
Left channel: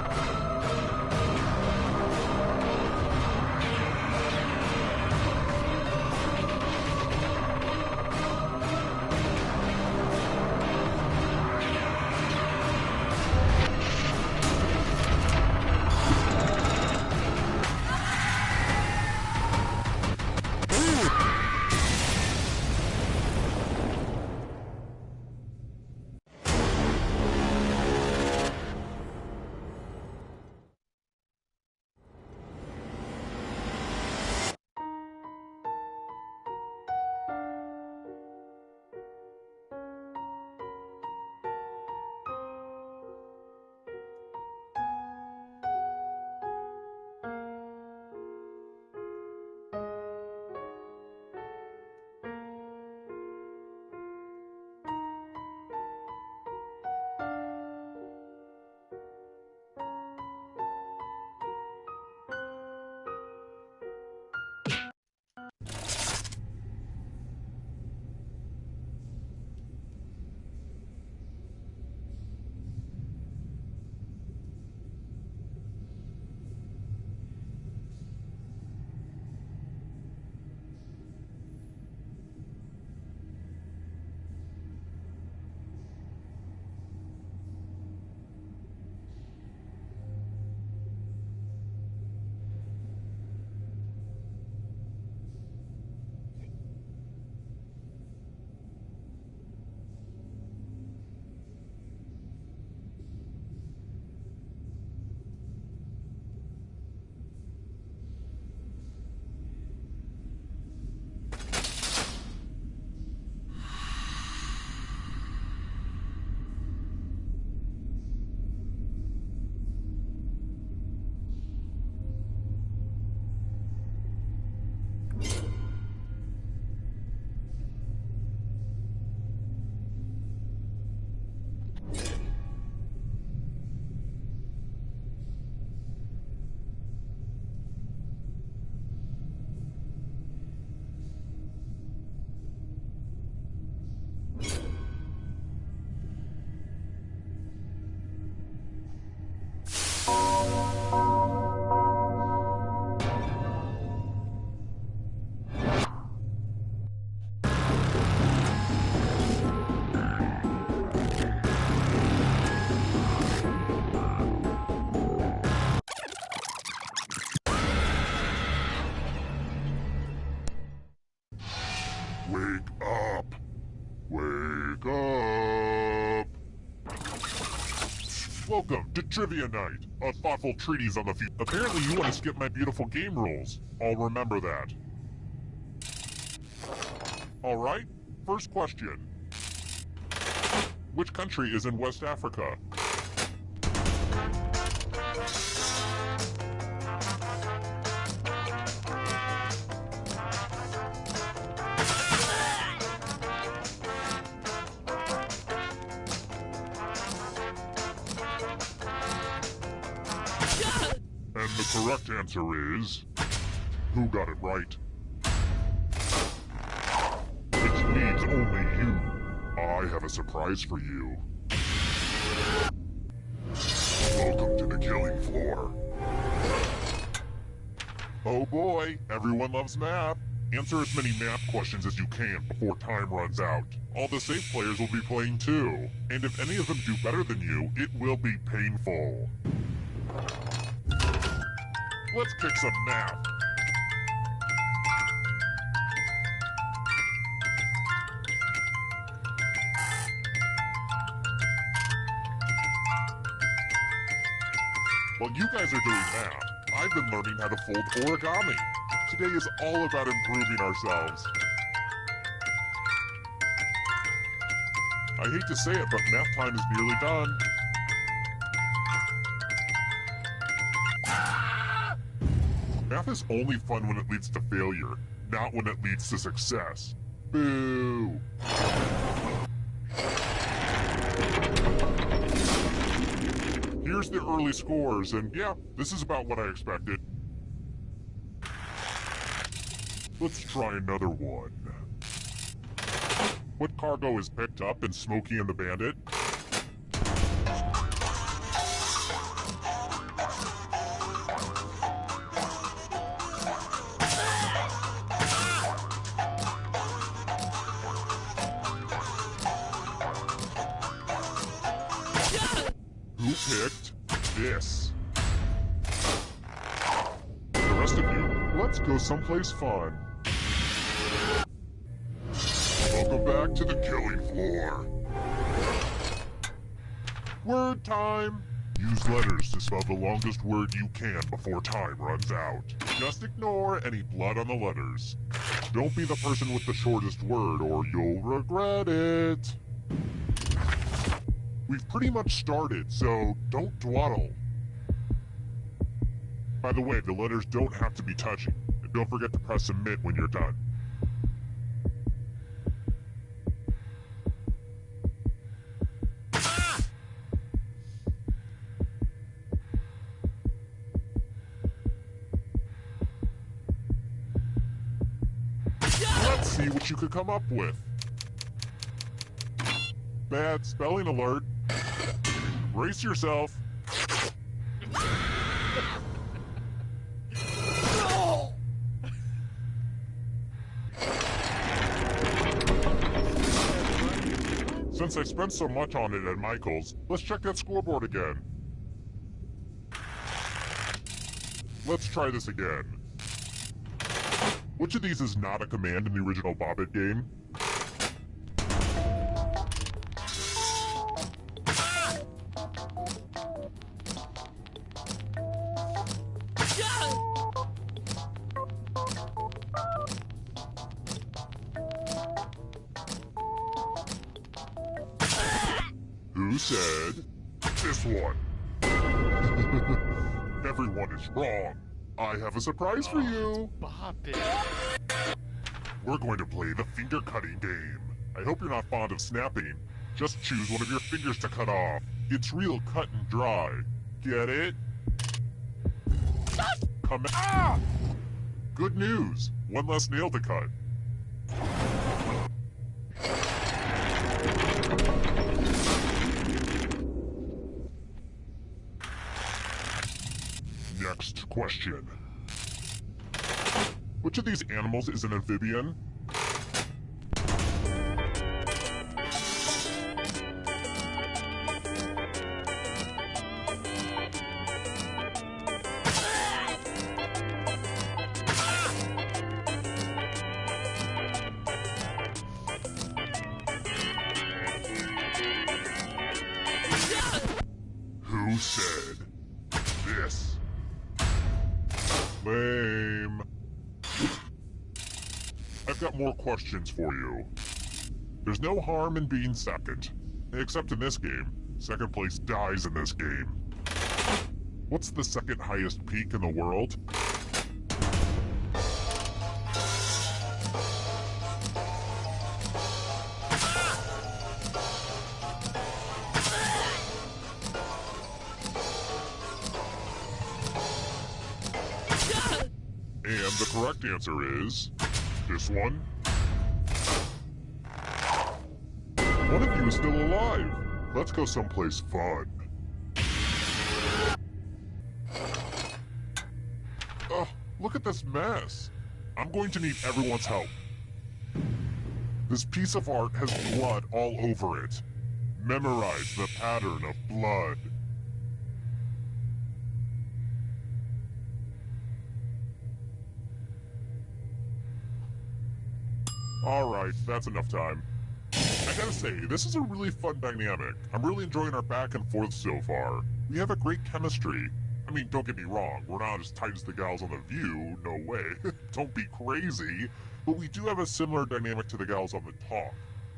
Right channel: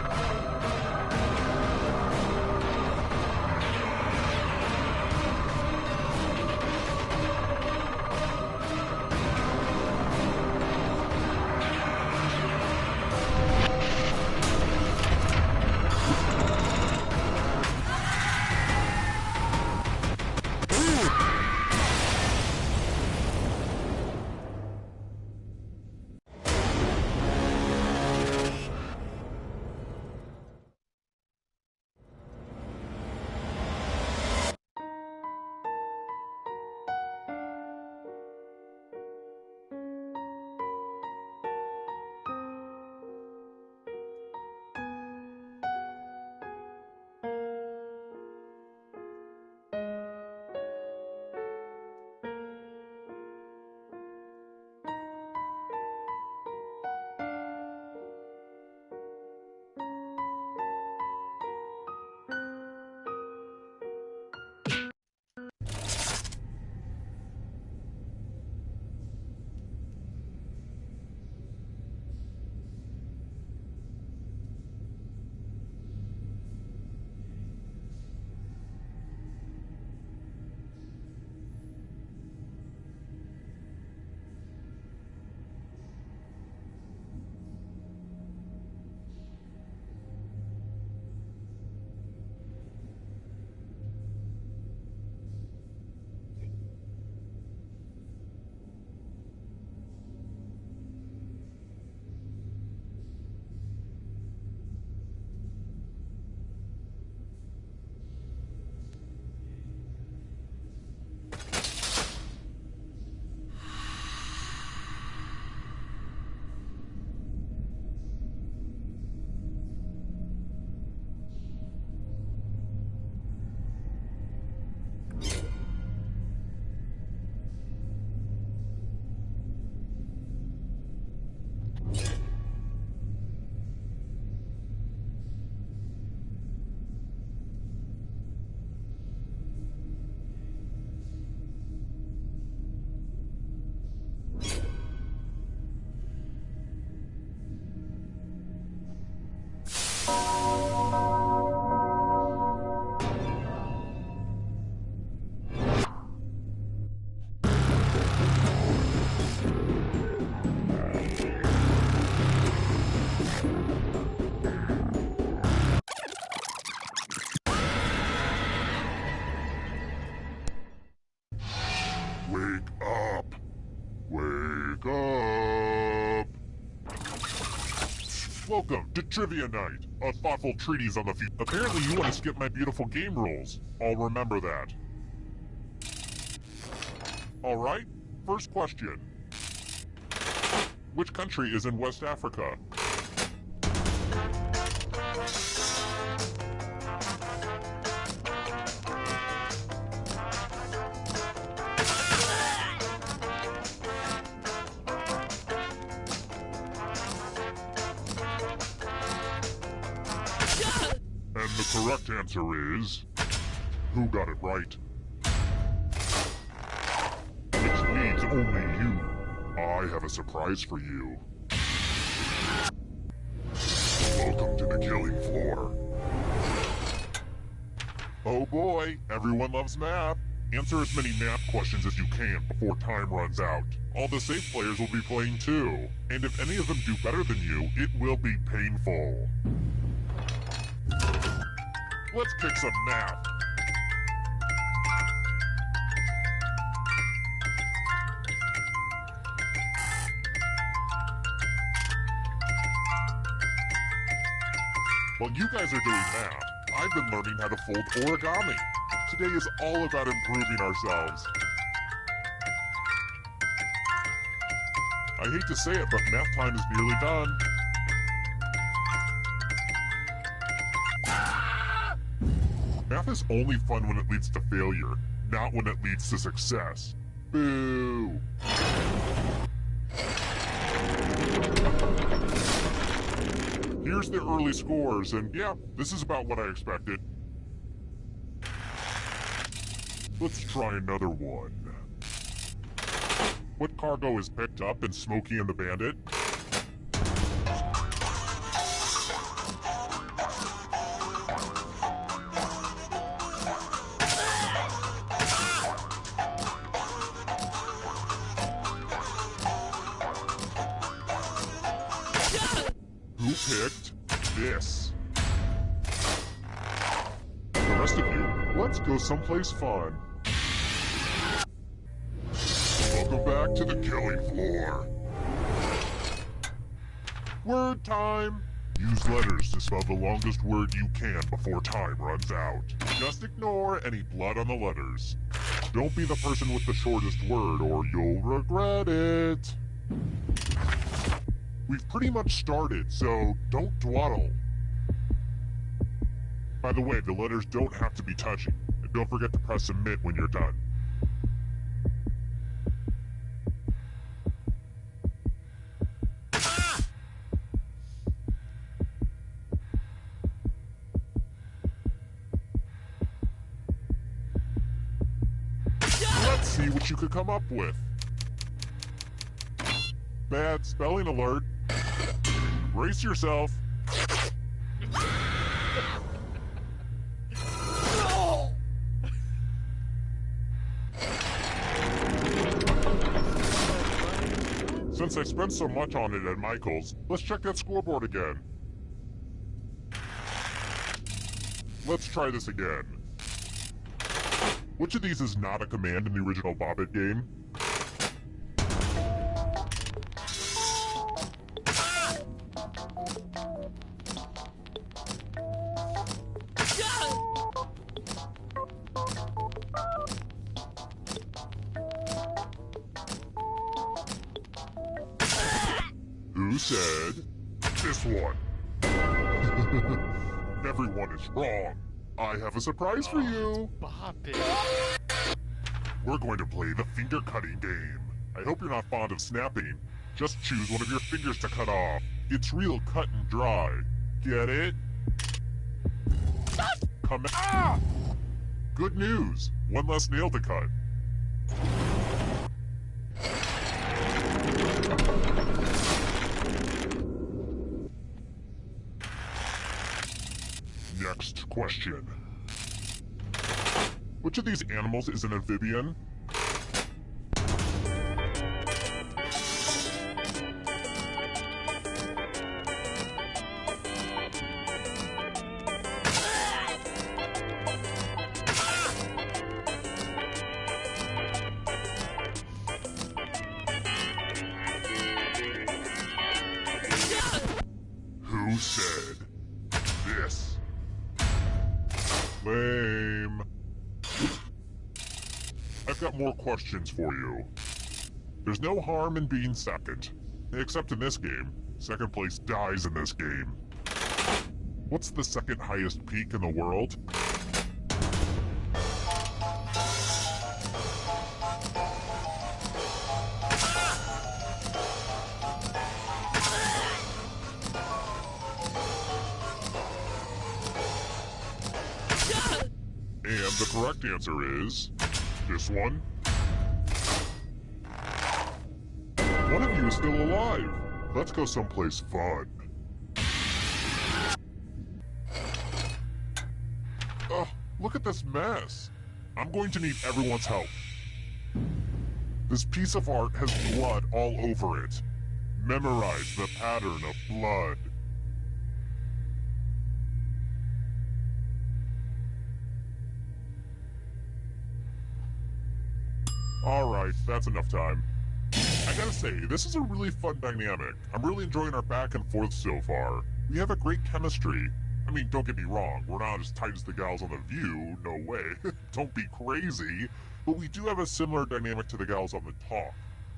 Welcome to Trivia Night, a thoughtful treatise on the future. Apparently you want to skip my beautiful game rules. I'll remember that. Alright, first question. Which country is in West Africa? And the correct answer is... Who got it right? Which leaves only you. I have a surprise for you. Welcome to the killing floor. Oh boy, everyone loves math. Answer as many math questions as you can before time runs out. All the safe players will be playing too. And if any of them do better than you, it will be painful. Let's kick some math. While you guys are doing math, I've been learning how to fold origami. Today is all about improving ourselves. I hate to say it, but math time is nearly done. Math is only fun when it leads to failure, not when it leads to success. Boo! Here's the early scores, and yeah, this is about what I expected. Let's try another one. What cargo is picked up in Smokey and the Bandit? Who picked this? The rest of you, let's go someplace fun. Welcome back to the killing floor. Word time! Use letters to spell the longest word you can before time runs out. Just ignore any blood on the letters. Don't be the person with the shortest word or you'll regret it. We've pretty much started, so don't dawdle. By the way, the letters don't have to be touching, and don't forget to press submit when you're done. Let's see what you could come up with. Bad spelling alert. Brace yourself. Since I spent so much on it at Michael's, let's check that scoreboard again. Let's try this again. Which of these is not a command in the original Bobbit game? Who said this one? Everyone is wrong. I have a surprise for you. Bobbit. We're going to play the finger cutting game. I hope you're not fond of snapping. Just choose one of your fingers to cut off. It's real cut and dry. Get it? Come ah! Good news. One less nail to cut. Next question. Which of these animals is an amphibian? Who Who said this? Lame. I've got more questions for you. There's no harm in being second. Except in this game. Second place dies in this game. What's the second highest peak in the world? And the correct answer is this one. One of you is still alive. Let's go someplace fun. Ugh, look at this mess. I'm going to need everyone's help. This piece of art has blood all over it. Memorize the pattern of blood. Alright, that's enough time. I gotta say, this is a really fun dynamic. I'm really enjoying our back and forth so far. We have a great chemistry. I mean, don't get me wrong, we're not as tight as the gals on The View, no way. Don't be crazy. But we do have a similar dynamic to the gals on The Talk.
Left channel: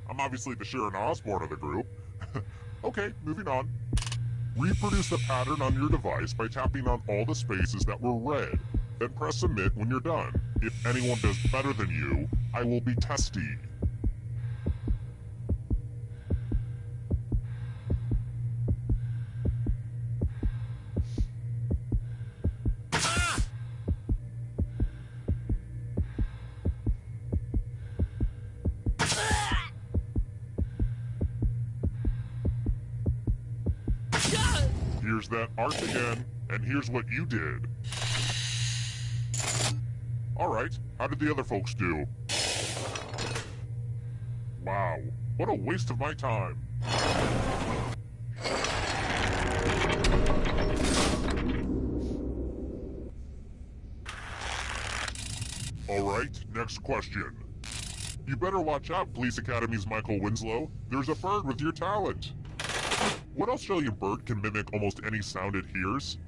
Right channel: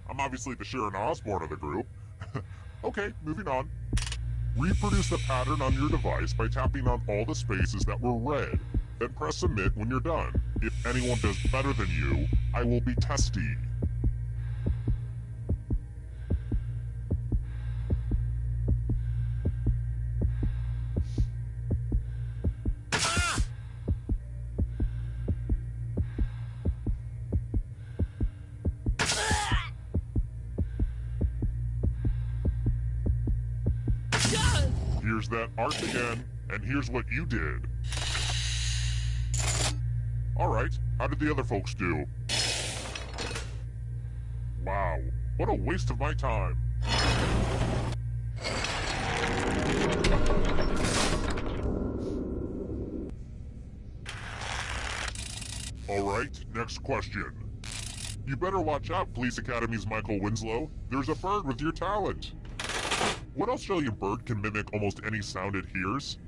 I'm obviously the Sharon Osbourne of the group. Okay, moving on. Reproduce the pattern on your device by tapping on all the spaces that were red. Then press submit when you're done. If anyone does better than you, I will be testy. Here's that art again, and here's what you did. Alright, how did the other folks do? Wow, what a waste of my time. Alright, next question. You better watch out, Police Academy's Michael Winslow. There's a bird with your talent. What Australian bird can mimic almost any sound it hears?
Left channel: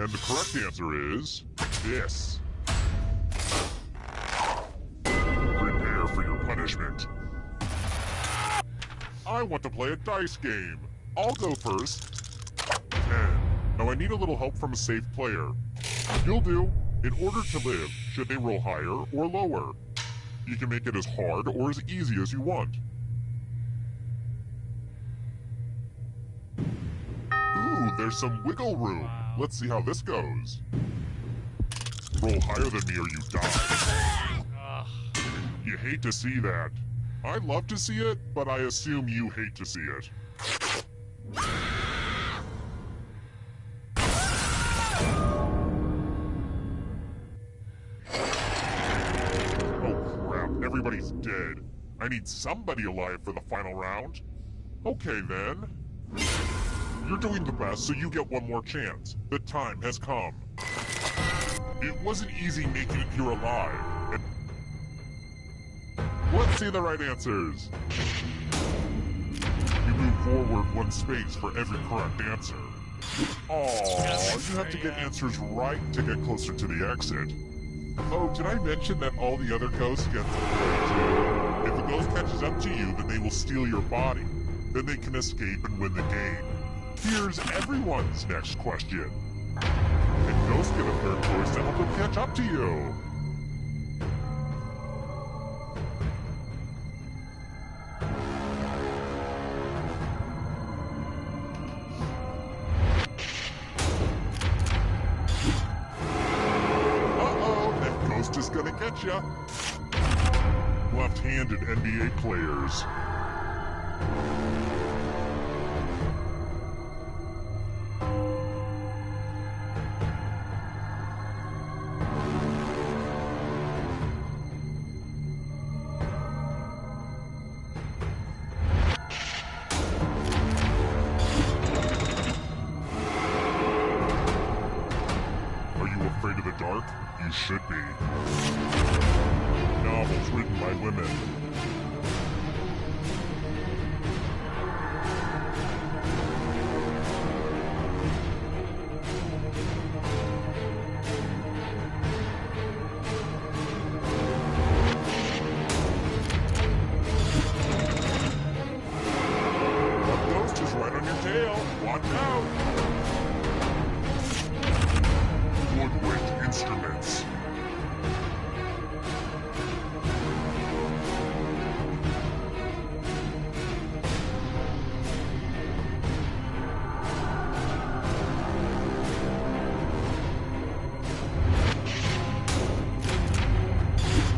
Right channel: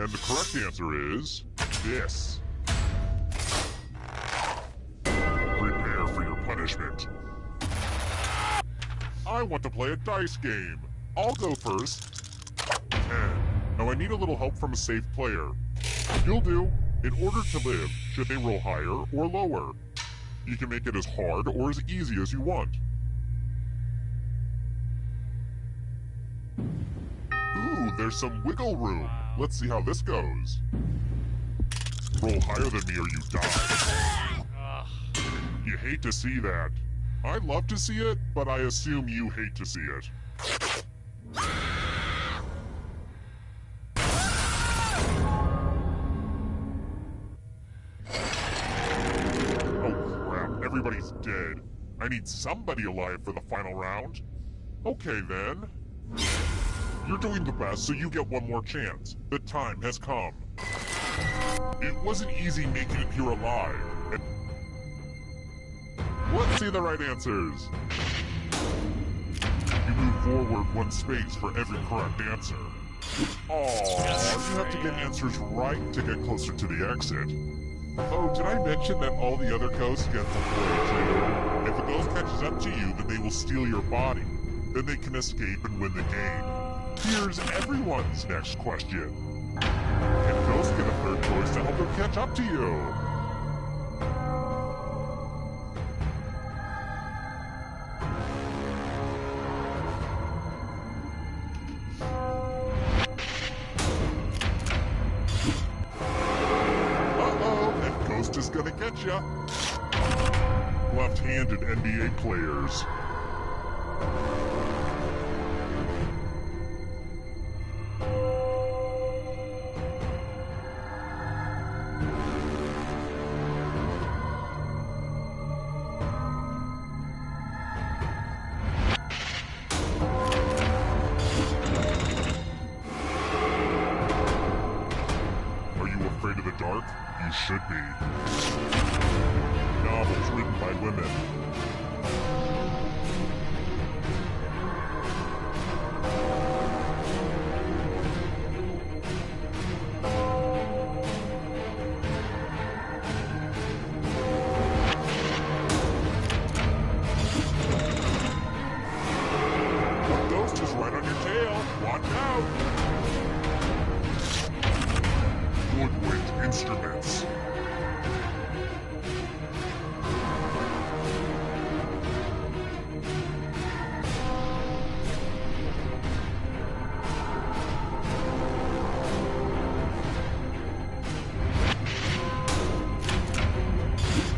And the correct answer is this. Prepare for your punishment. I want to play a dice game. I'll go first. 10. Now I need a little help from a safe player. You'll do. In order to live, should they roll higher or lower? You can make it as hard or as easy as you want. Ooh, there's some wiggle room. Wow. Let's see how this goes. Roll higher than me or you die. Ugh. You hate to see that. I love to see it, but I assume you hate to see it. Oh crap, everybody's dead. I need somebody alive for the final round. Okay then. You're doing the best, so you get one more chance. The time has come. It wasn't easy making it here alive. Let's see the right answers. You move forward one space for every correct answer. Aww, you have to get answers right to get closer to the exit. Oh, did I mention that all the other ghosts get to play too? If a ghost catches up to you, then they will steal your body. Then they can escape and win the game. Here's everyone's next question. And ghosts get a third choice to help them catch up to you. Uh-oh, that ghost is gonna get ya. Left-handed NBA players. you should be. Novels written by women. A ghost is right on your tail. Watch out! Woodwind instruments.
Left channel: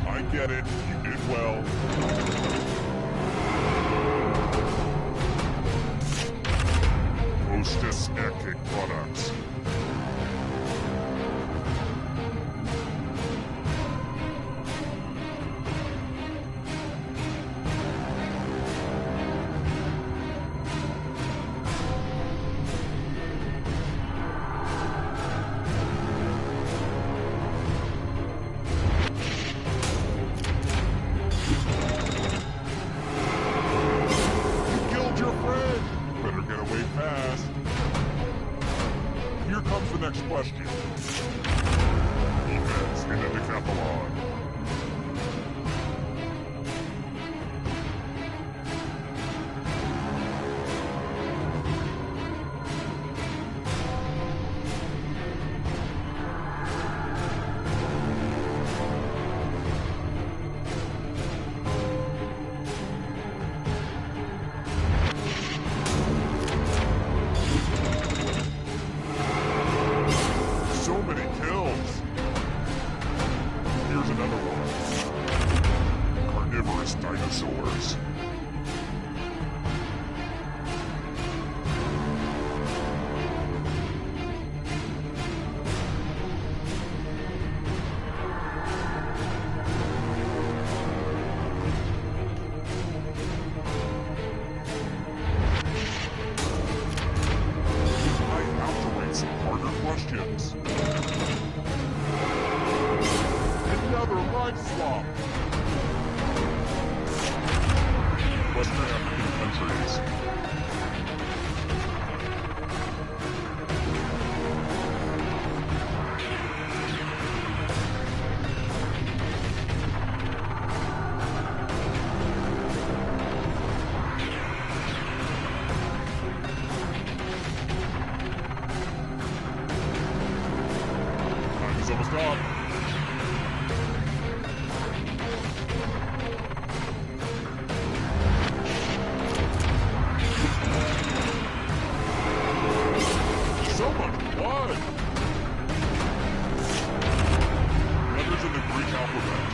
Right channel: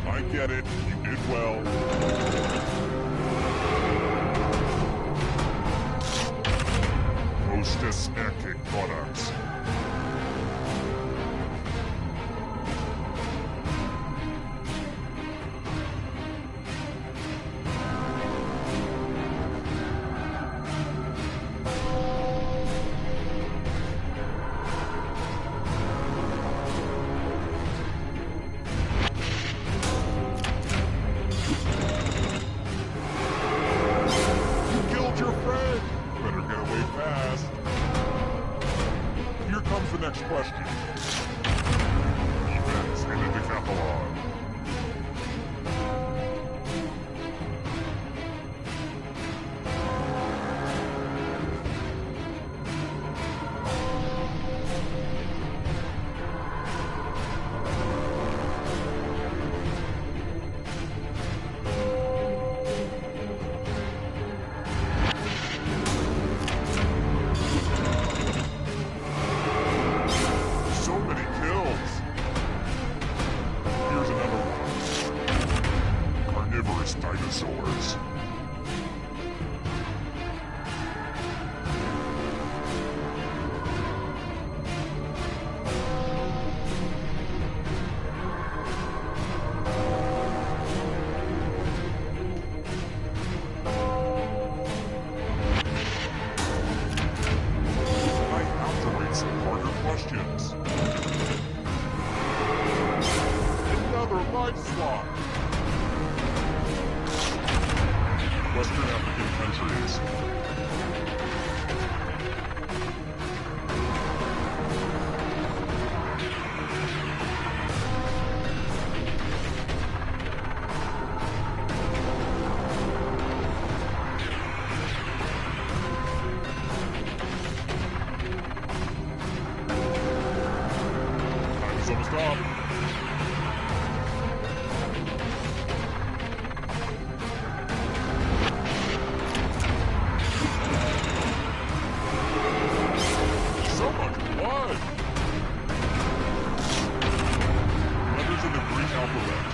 I get it. You did well. Hostess Aircake Products. Your friend! Better get away fast. Here comes the next question. Events in a decathlon. So many kills! Here's another one. Carnivorous dinosaurs. I have to rate some harder questions. Another life swap. Western African countries. Time is almost up. So much blood! Letters in the Greek alphabet.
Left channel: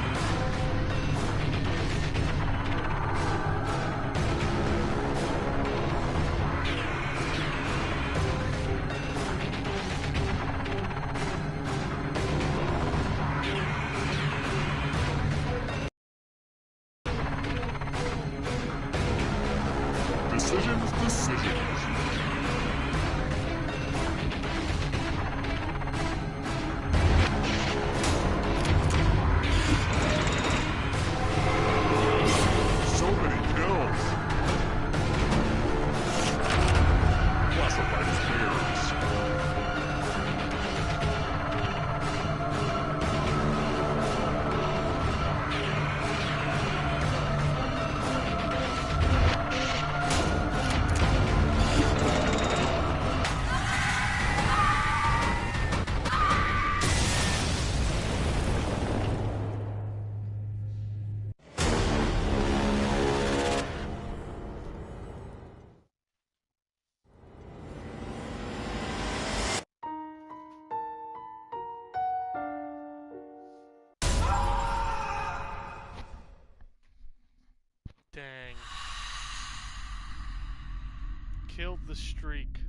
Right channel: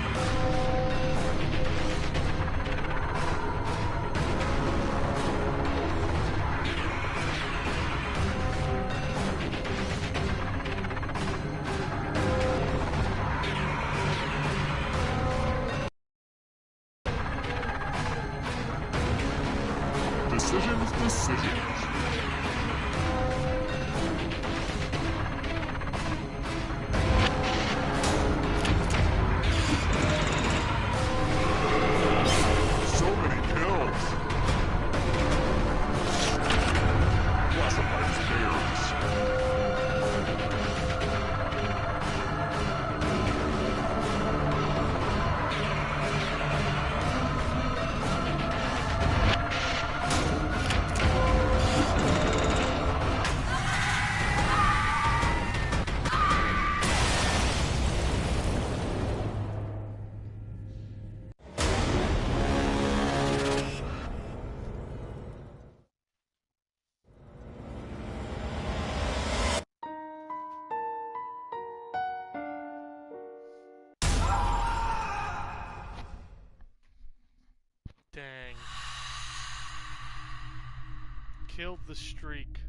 Decisions. So many kills. Classified as bears. Dang. Killed the streak.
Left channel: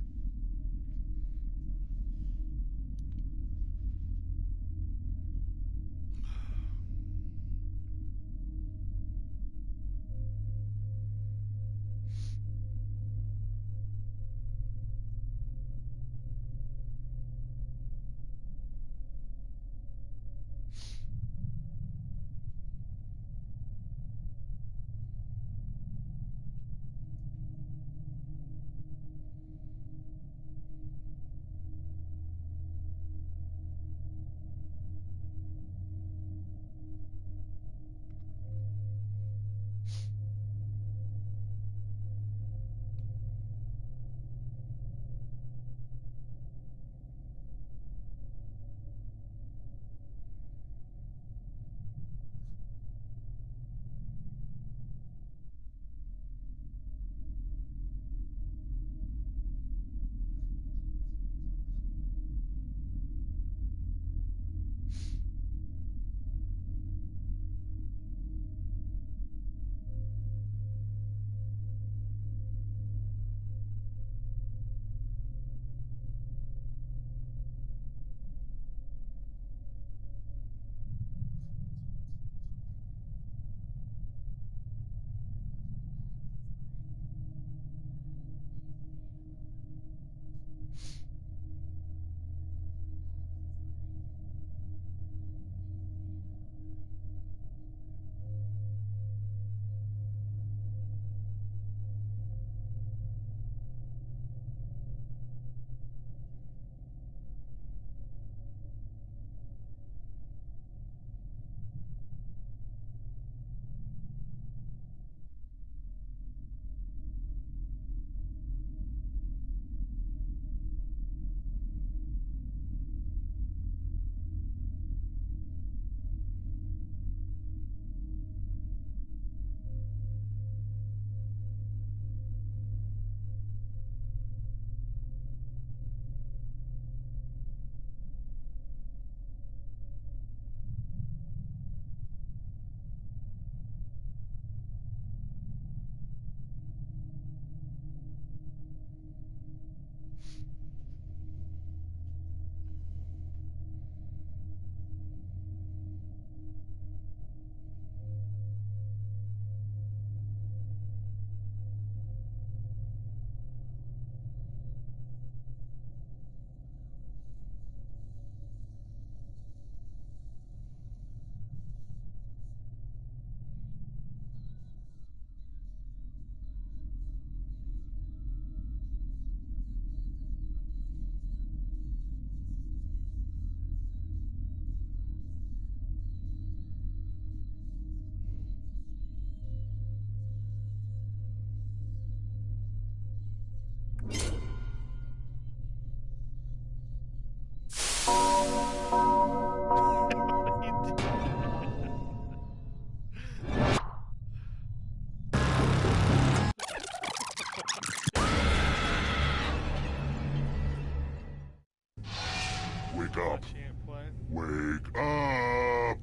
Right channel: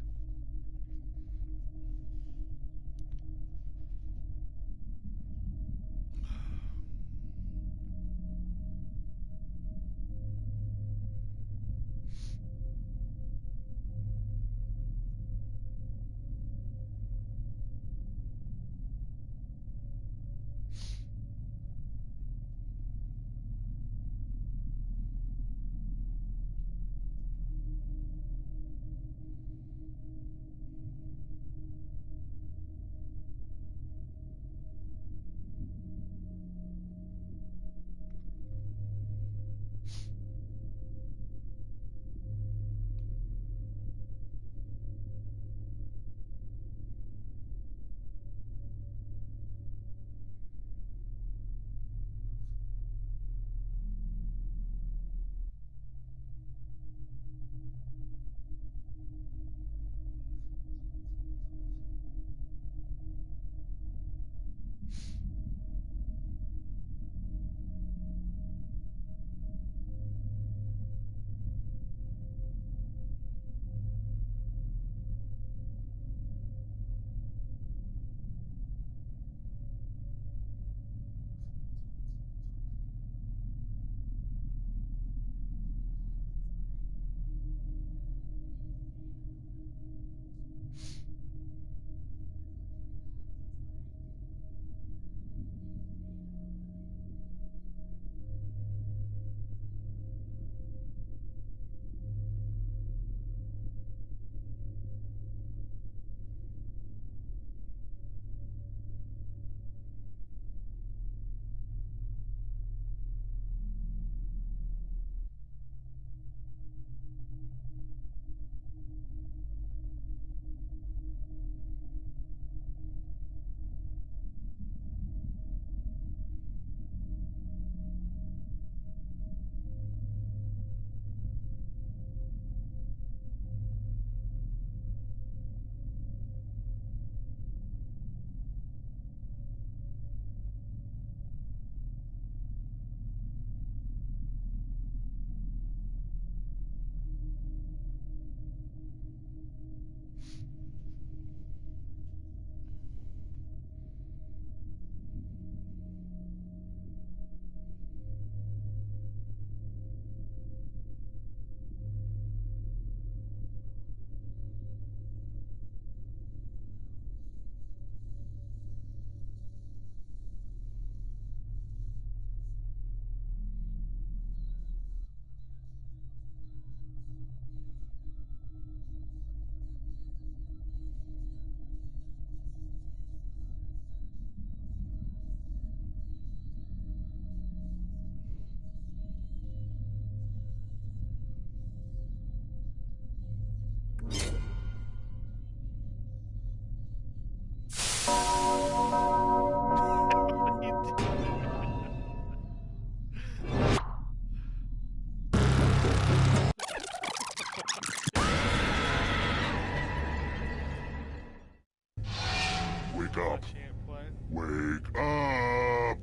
up. Chant play. Wake up!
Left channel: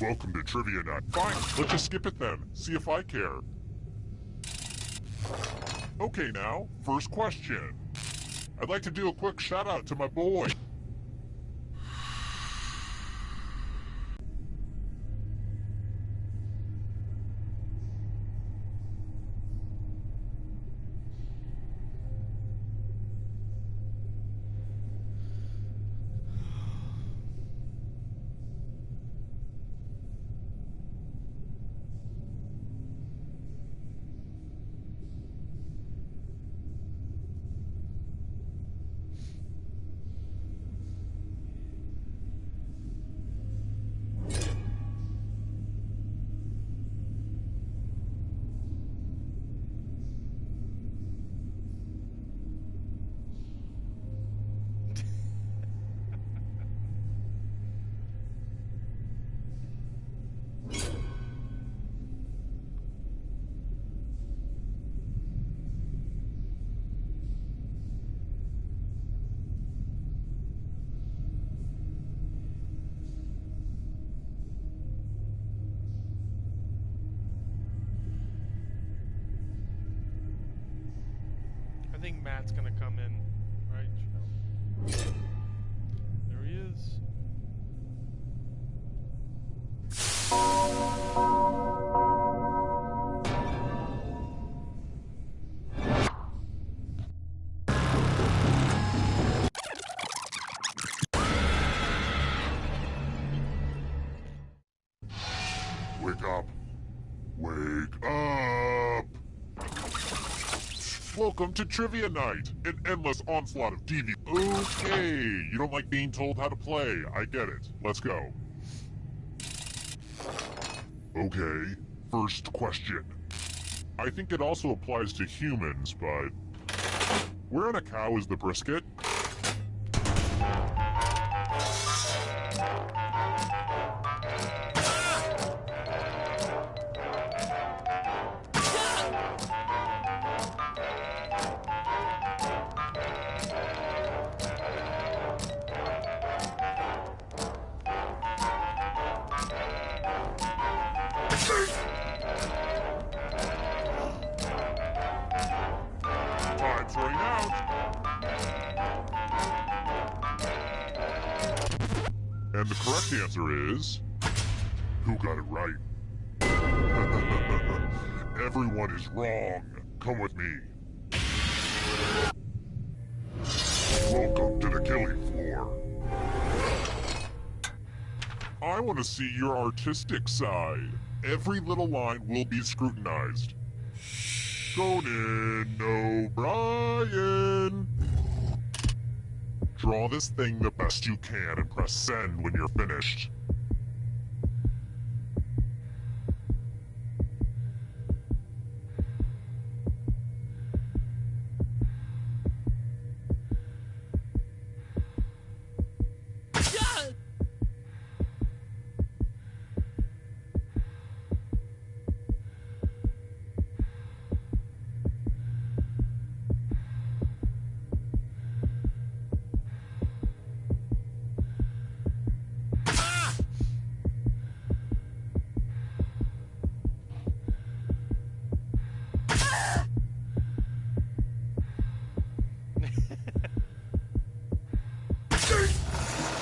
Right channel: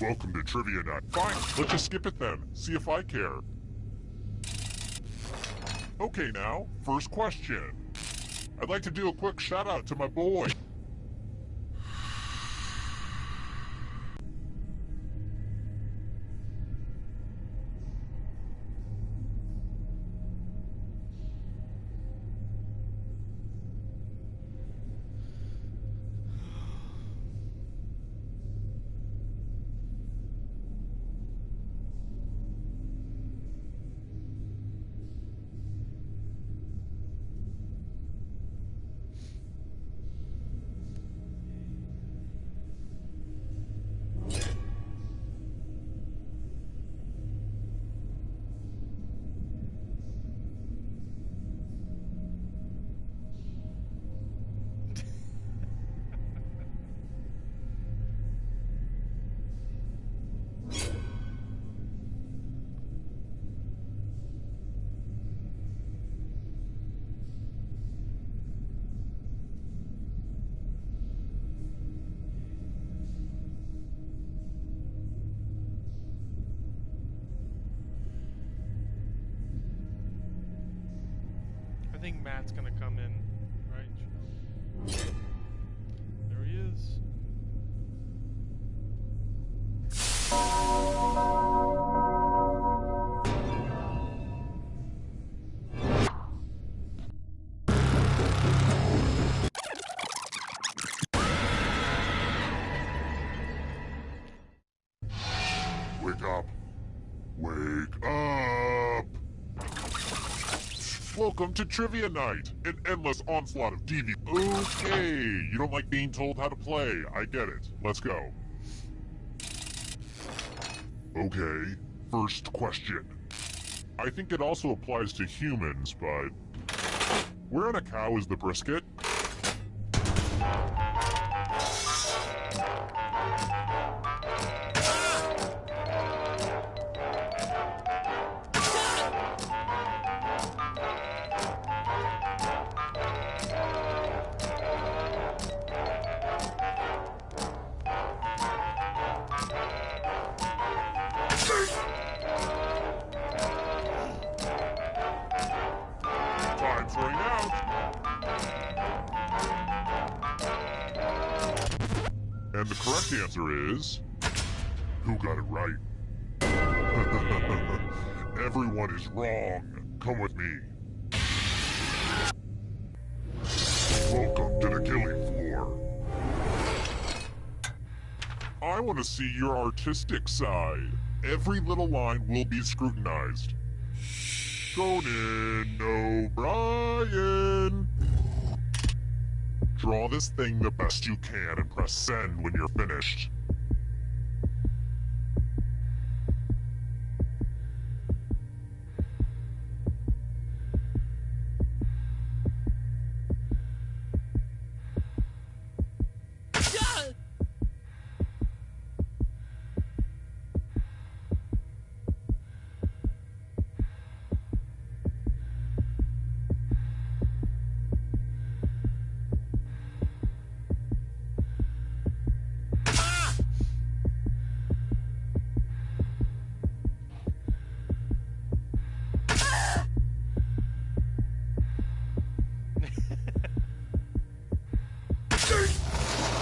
Welcome to Trivia Night. Fine, let's just skip it then. See if I care. Okay now, first question. I'd like to do a quick shout out to my boy. I think Matt's gonna come in, right? There he is. Wake up. Wake up! Welcome to Trivia Night, an endless onslaught of DV. Okay, you don't like being told how to play. I get it. Let's go. Okay, first question. I think it also applies to humans, but... where in a cow is the brisket? Time's running out! And the correct answer is... who got it right? Everyone is wrong. Come with me. Welcome to the killing floor. I want to see your artistic side. Every little line will be scrutinized. Conan O'Brien! Draw this thing the best you can and press send when you're finished.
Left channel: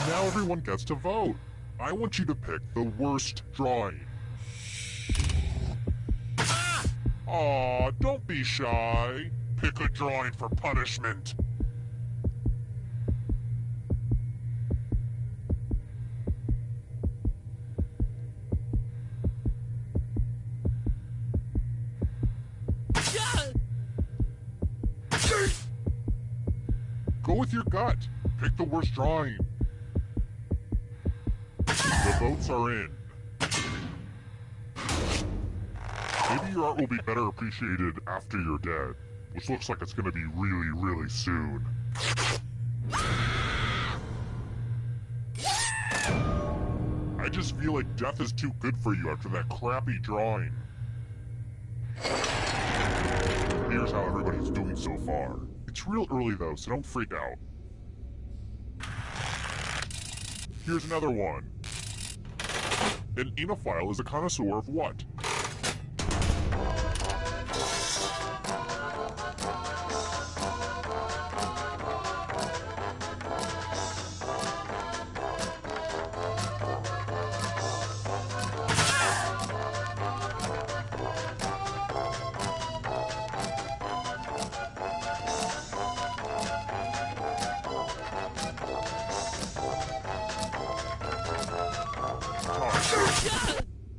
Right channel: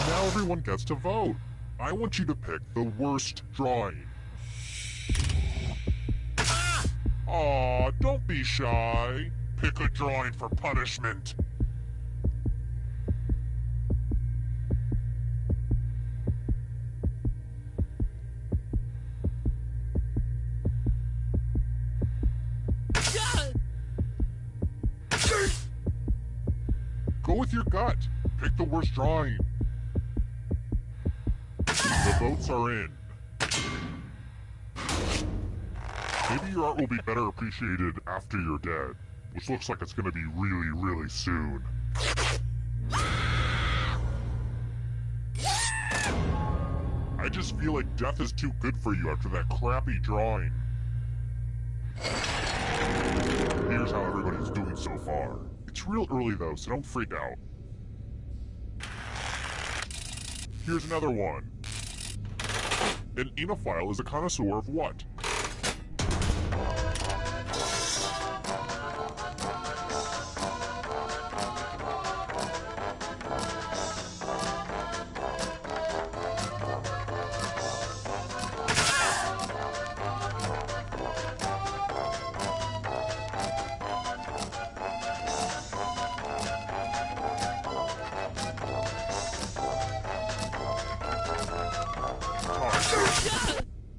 Now everyone gets to vote. I want you to pick the worst drawing. Aw, don't be shy. Pick a drawing for punishment. Go with your gut. Pick the worst drawing. The votes are in. Maybe your art will be better appreciated after you're dead, which looks like it's gonna be really, really soon. I just feel like death is too good for you after that crappy drawing. Here's how everybody's doing so far. It's real early though, so don't freak out. Here's another one. An enophile is a connoisseur of what?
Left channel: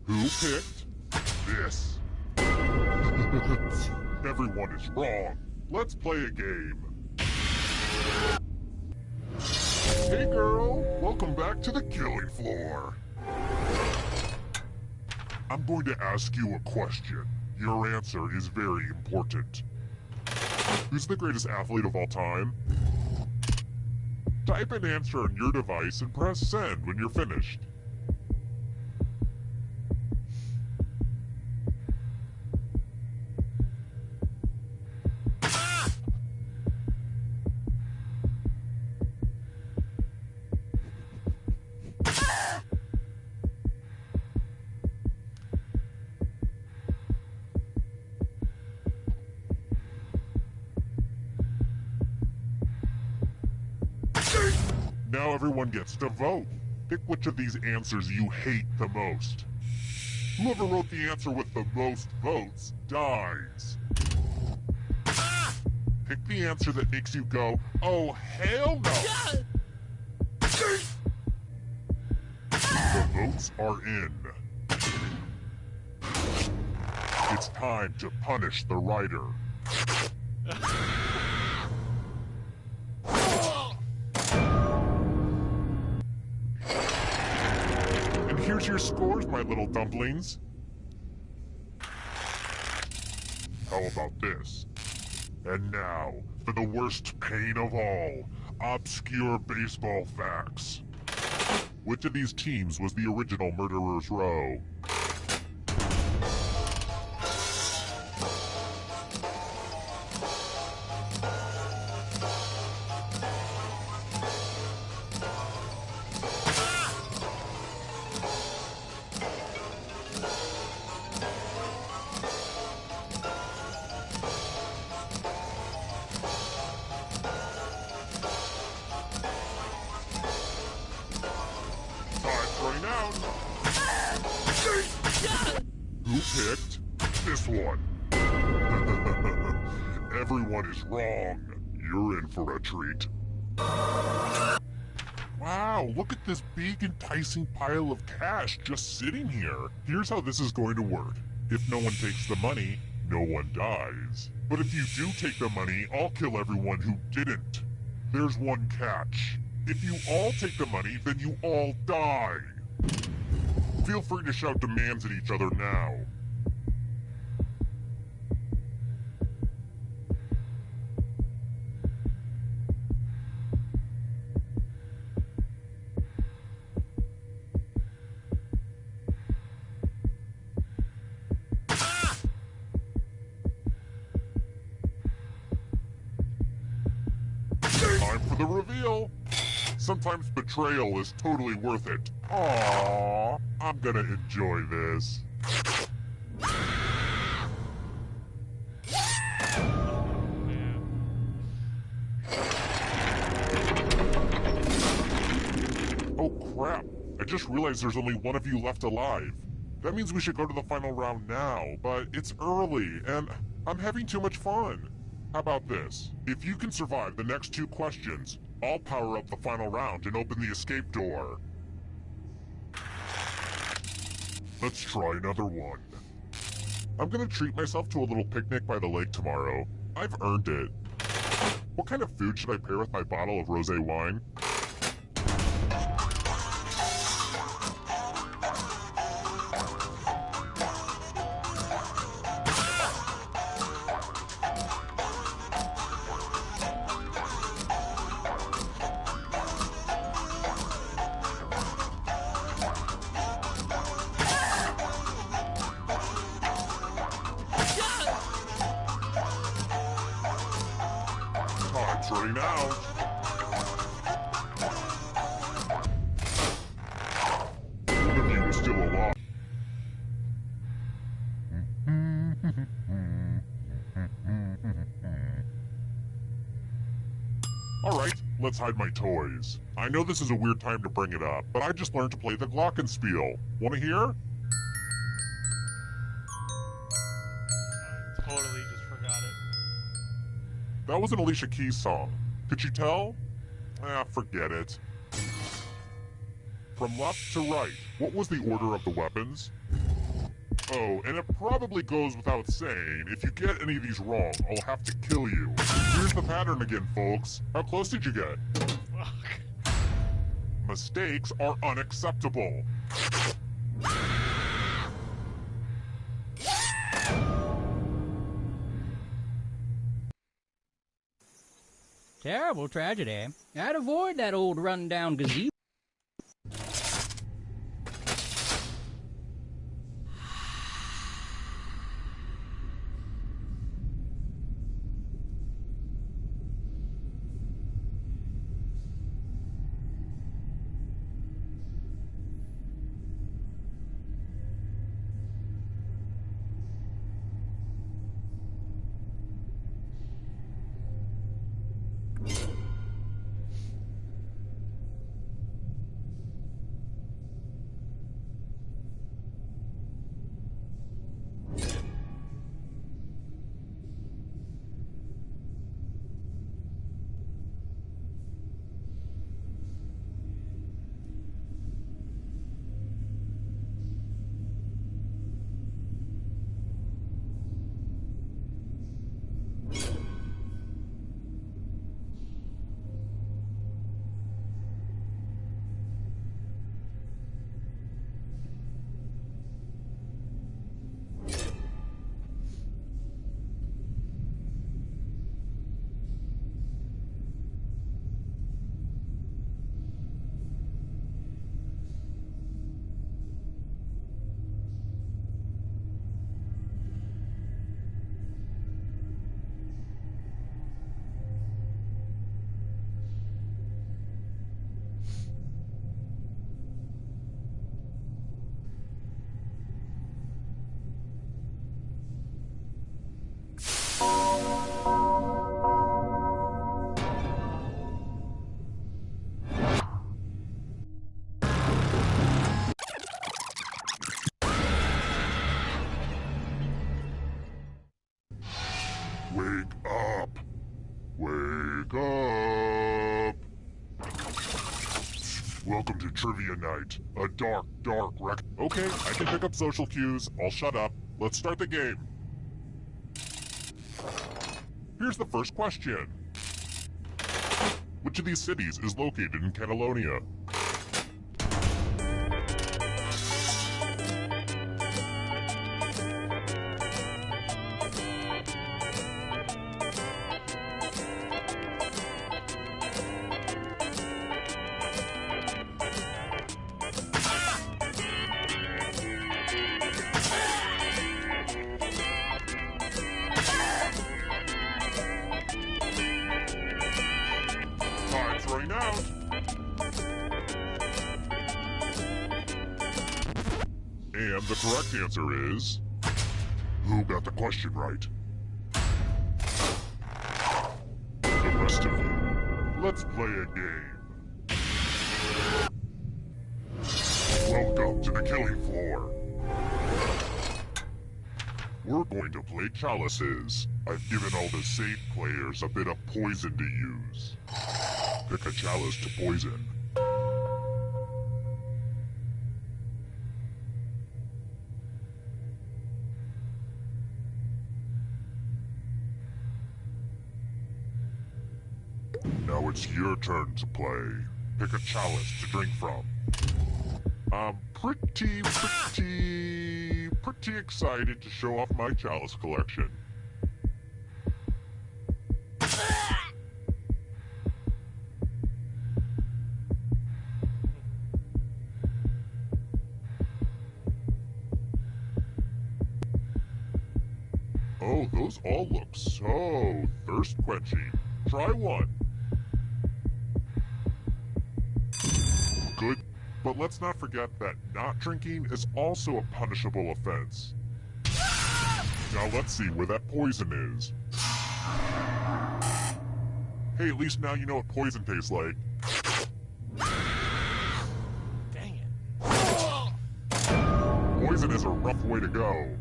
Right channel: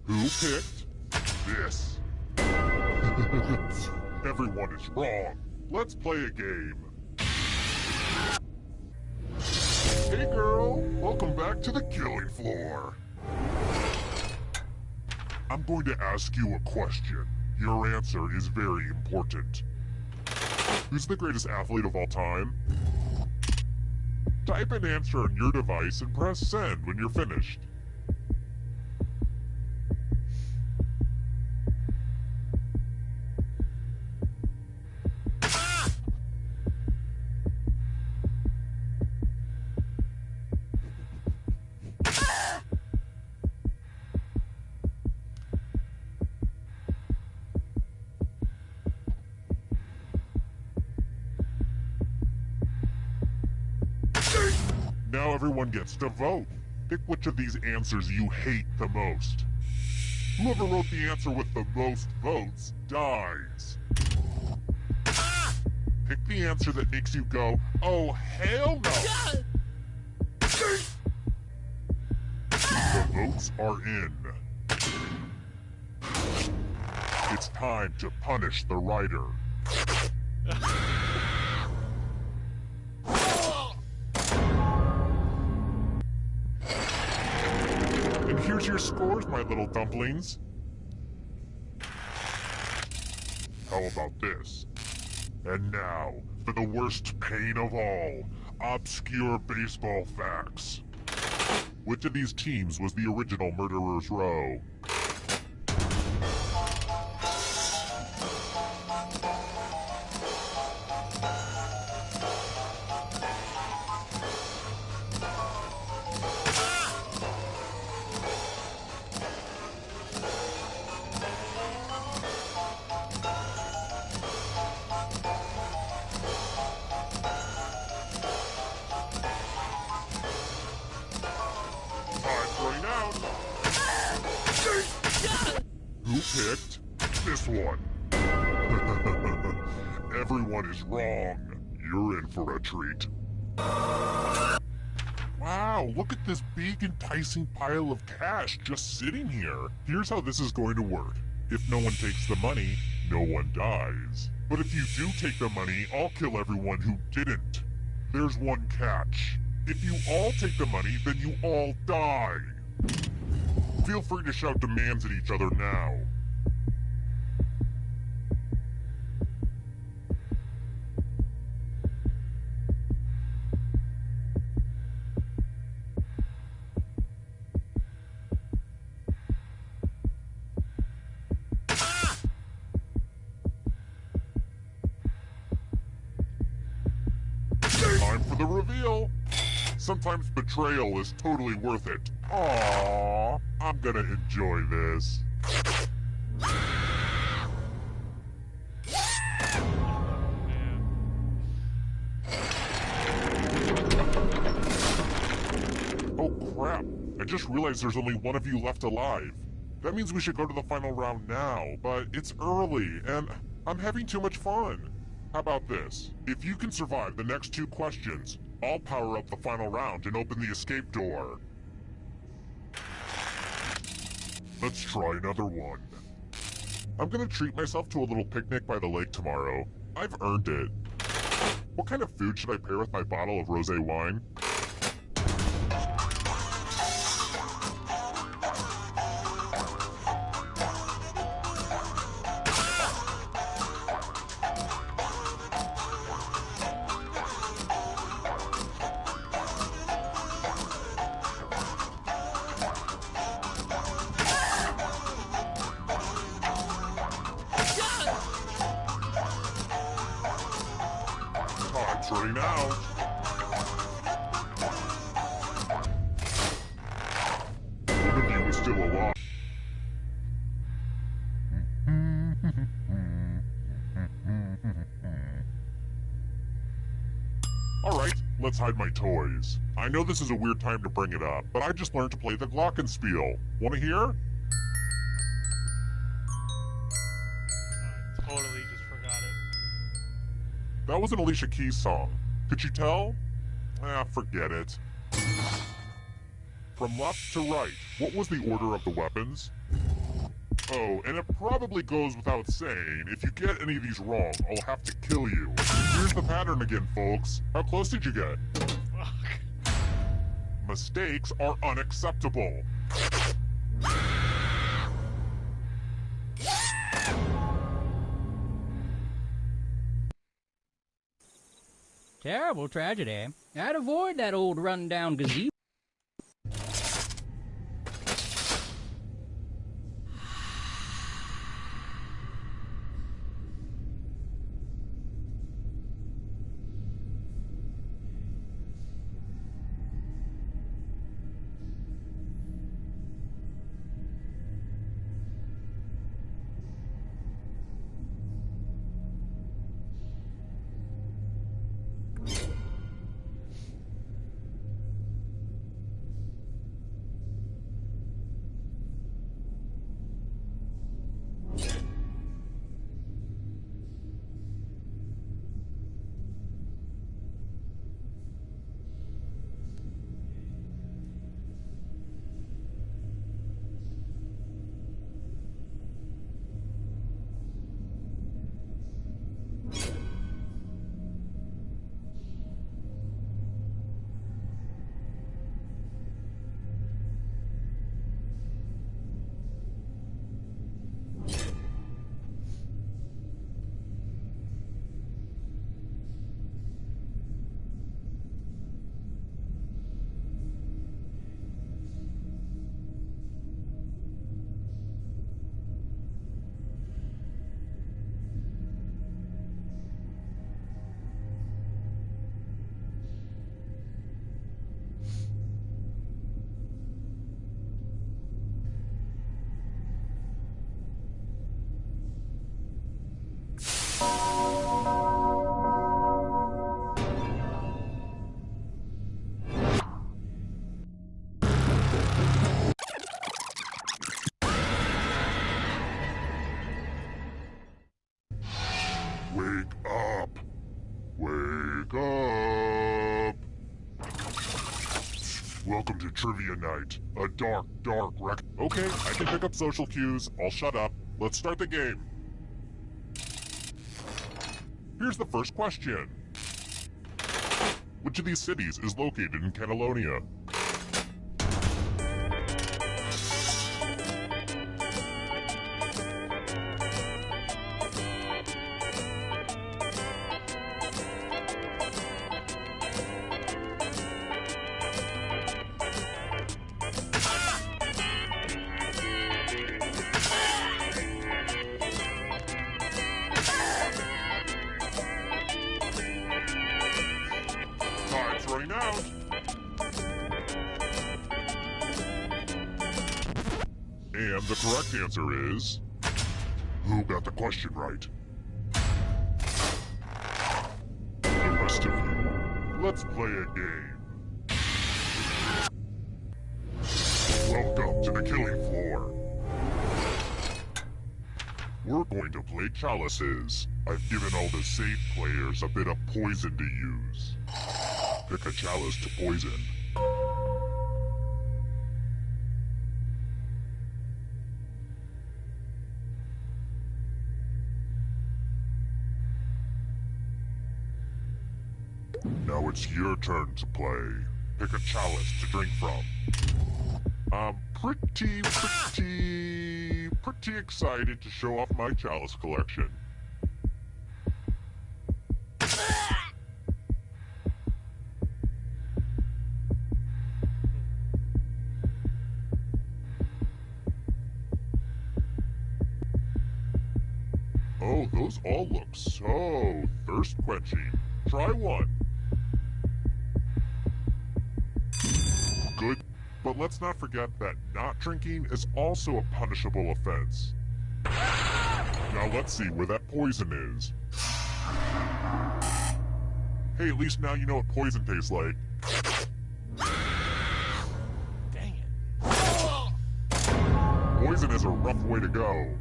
Who picked this? Everyone is wrong. Let's play a game. Hey girl, welcome back to the killing floor. I'm going to ask you a question. Your answer is very important. Who's the greatest athlete of all time? Type an answer on your device and press send when you're finished. Now everyone gets to vote. Pick which of these answers you hate the most. Whoever wrote the answer with the most votes dies. Pick the answer that makes you go, oh hell no! The votes are in. It's time to punish the writer. And here's your scores, my little dumplings. How about this? And now, for the worst pain of all, obscure baseball facts. Which of these teams was the original Murderer's Row? Time's running out. Who picked this one? Everyone is wrong. You're in for a treat. Wow, look at this big enticing pile of cash just sitting here. Here's how this is going to work. If no one takes the money, no one dies. But if you do take the money, I'll kill everyone who didn't. There's one catch. If you all take the money, then you all die. Feel free to shout demands at each other now. Time for the reveal. Sometimes betrayal is totally worth it. Aww, I'm gonna enjoy this. Oh crap, I just realized there's only one of you left alive. That means we should go to the final round now, but it's early, and I'm having too much fun. How about this? If you can survive the next 2 questions, I'll power up the final round and open the escape door. Let's try another one. I'm gonna treat myself to a little picnic by the lake tomorrow. I've earned it. What kind of food should I pair with my bottle of rosé wine? Time's running out. Alright, let's hide my toys. I know this is a weird time to bring it up, but I just learned to play the Glockenspiel. Wanna hear? I totally just forgot it. That was an Alicia Keys song. Could you tell? Forget it. From left to right, what was the order of the weapons? Oh, and it probably goes without saying, if you get any of these wrong, I'll have to kill you. Here's the pattern again, folks. How close did you get? Fuck. Mistakes are unacceptable. Terrible tragedy. I'd avoid that old run-down gazebo. Wake up! Wake up! Welcome to Trivia Night, a dark, dark wreck. Okay, I can pick up social cues. I'll shut up. Let's start the game. Here's the first question. Which of these cities is located in Catalonia? Time's running out. And the correct answer is... Who got the question right? The rest of you, let's play a game. Welcome to the killing floor. We're going to play chalices. I've given all the safe players a bit of poison to use. Pick a chalice to poison. Now it's your turn to play. Pick a chalice to drink from. I'm pretty excited to show off my chalice collection. Oh, those all look so thirst-quenching. Try one. Good, but let's not forget that not drinking is also a punishable offense. Now let's see where that poison is. Hey, at least now you know what poison tastes like. Dang it. Poison is a rough way to go.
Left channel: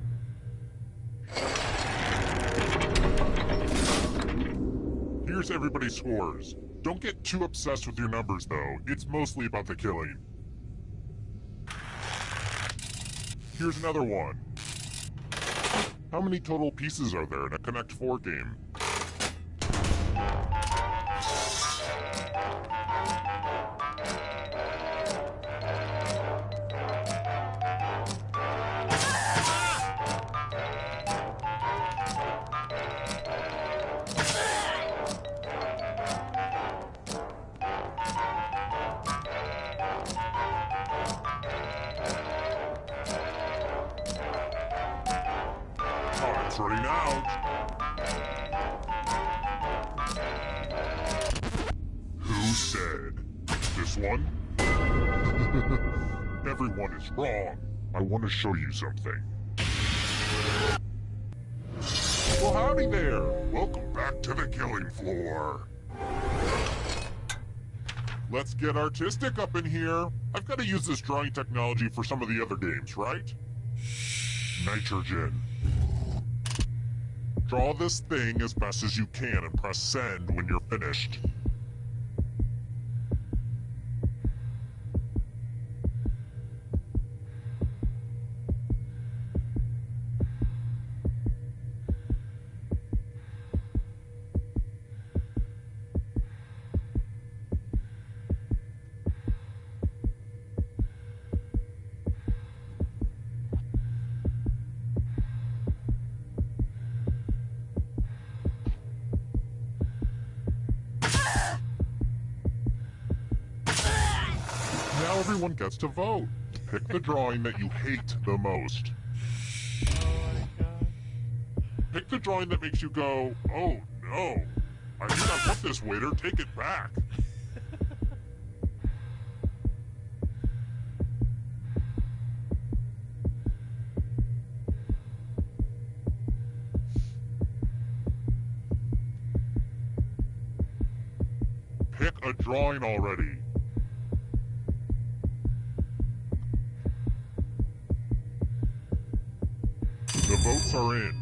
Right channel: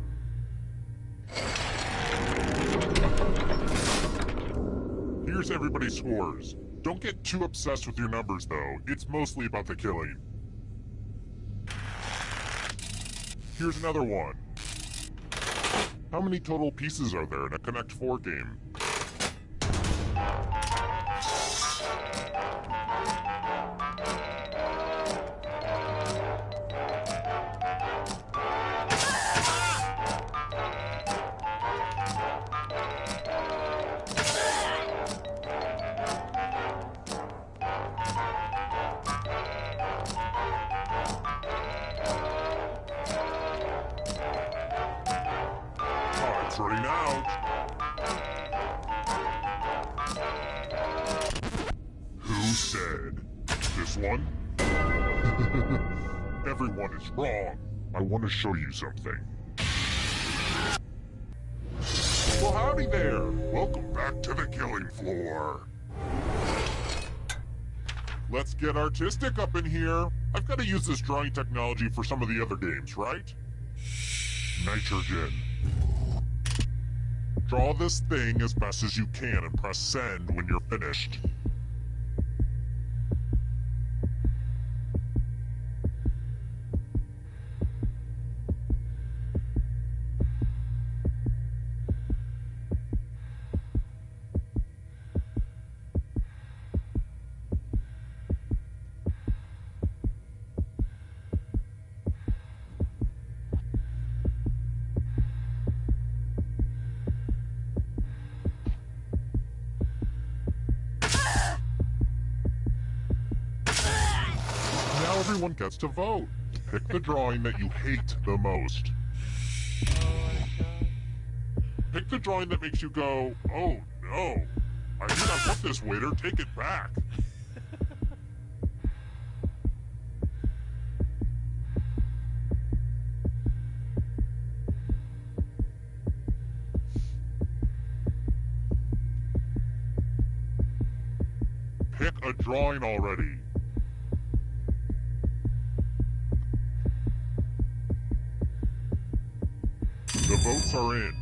Here's everybody's scores. Don't get too obsessed with your numbers, though. It's mostly about the killing. Here's another one. How many total pieces are there in a Connect 4 game? Time's running out. Who said? This one? Everyone is wrong. I want to show you something. Well, howdy there. Welcome back to the killing floor. Let's get artistic up in here. I've got to use this drawing technology for some of the other games, right? Nitrogen. Draw this thing as best as you can and press send when you're finished. Now everyone gets to vote. Pick the drawing that you hate the most. Oh my god. Pick the drawing that makes you go, oh no, I do not want this, waiter, take it back. Pick a drawing already. The votes are in.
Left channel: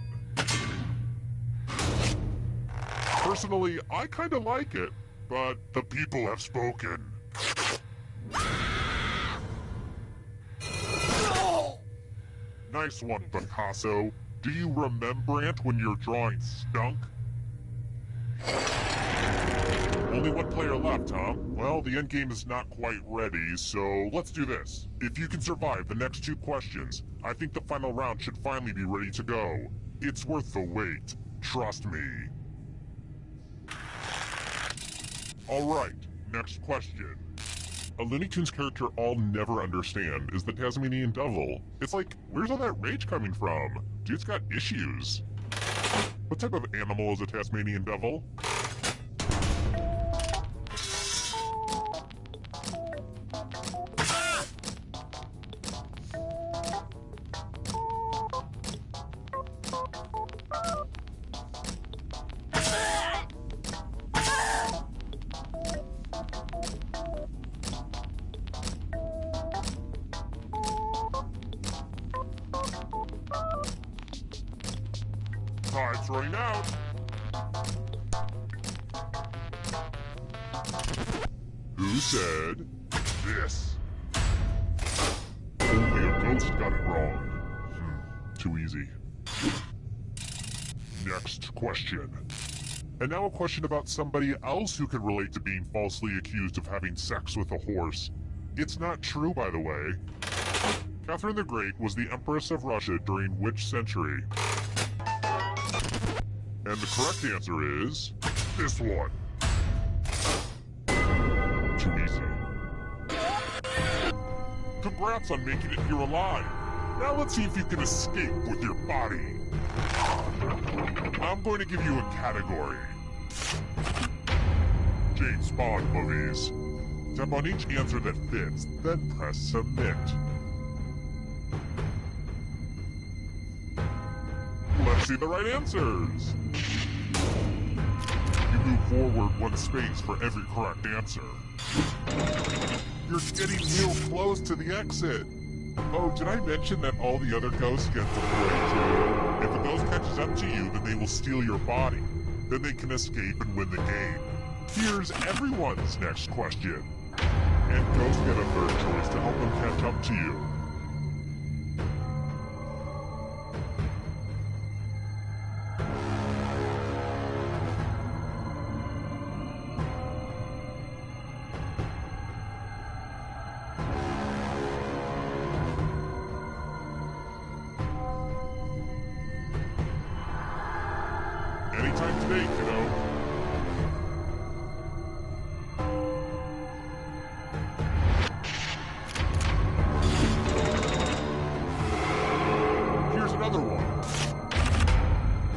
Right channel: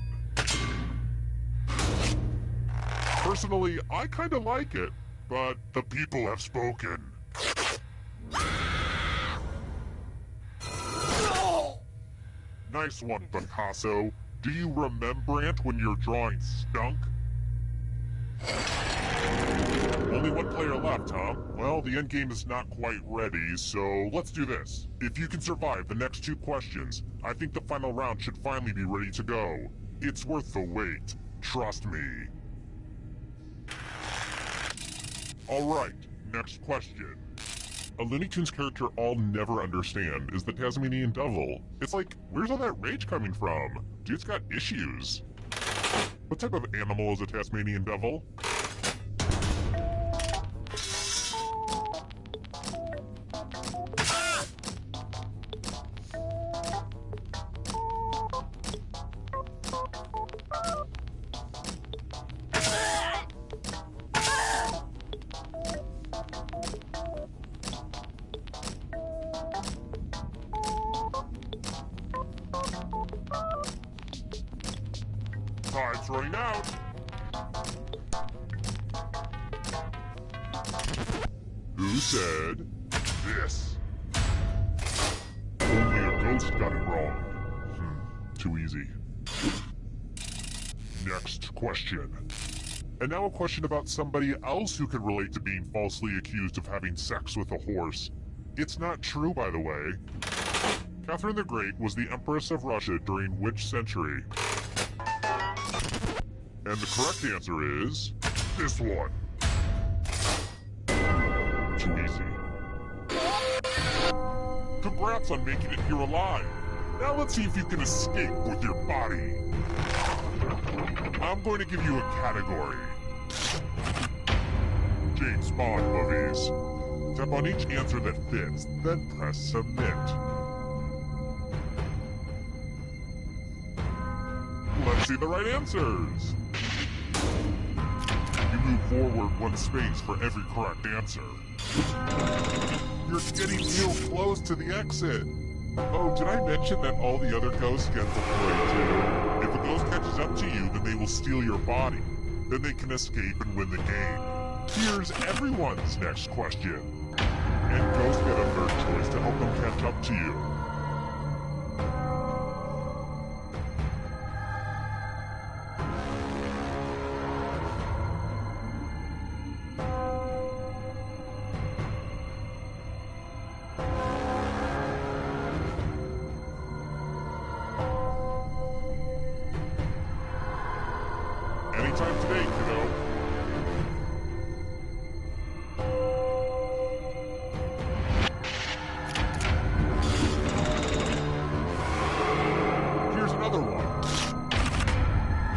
Personally, I kinda like it, but the people have spoken. Nice one, Picasso. Do you remembrance when your drawing stunk? Only one player left, huh? Well, the endgame is not quite ready, so let's do this. If you can survive the next 2 questions, I think the final round should finally be ready to go. It's worth the wait. Trust me. Alright, next question. A Looney Tunes character I'll never understand is the Tasmanian Devil. It's like, where's all that rage coming from? Dude's got issues. What type of animal is a Tasmanian Devil? Time's running out. Who said this? Only a ghost got it wrong. Too easy. Next question. And now a question about somebody else who can relate to being falsely accused of having sex with a horse. It's not true, by the way. Catherine the Great was the Empress of Russia during which century? And the correct answer is this one. Too easy. Congrats on making it here alive. Now let's see if you can escape with your body. I'm going to give you a category. James Bond movies. Tap on each answer that fits, then press submit. Let's see the right answers. You move forward 1 space for every correct answer. You're getting real close to the exit. Oh, did I mention that all the other ghosts get to play too? If a ghost catches up to you, then they will steal your body. Then they can escape and win the game. Here's everyone's next question. And ghosts get a third choice to help them catch up to you. Anytime today, kiddo. Here's another one.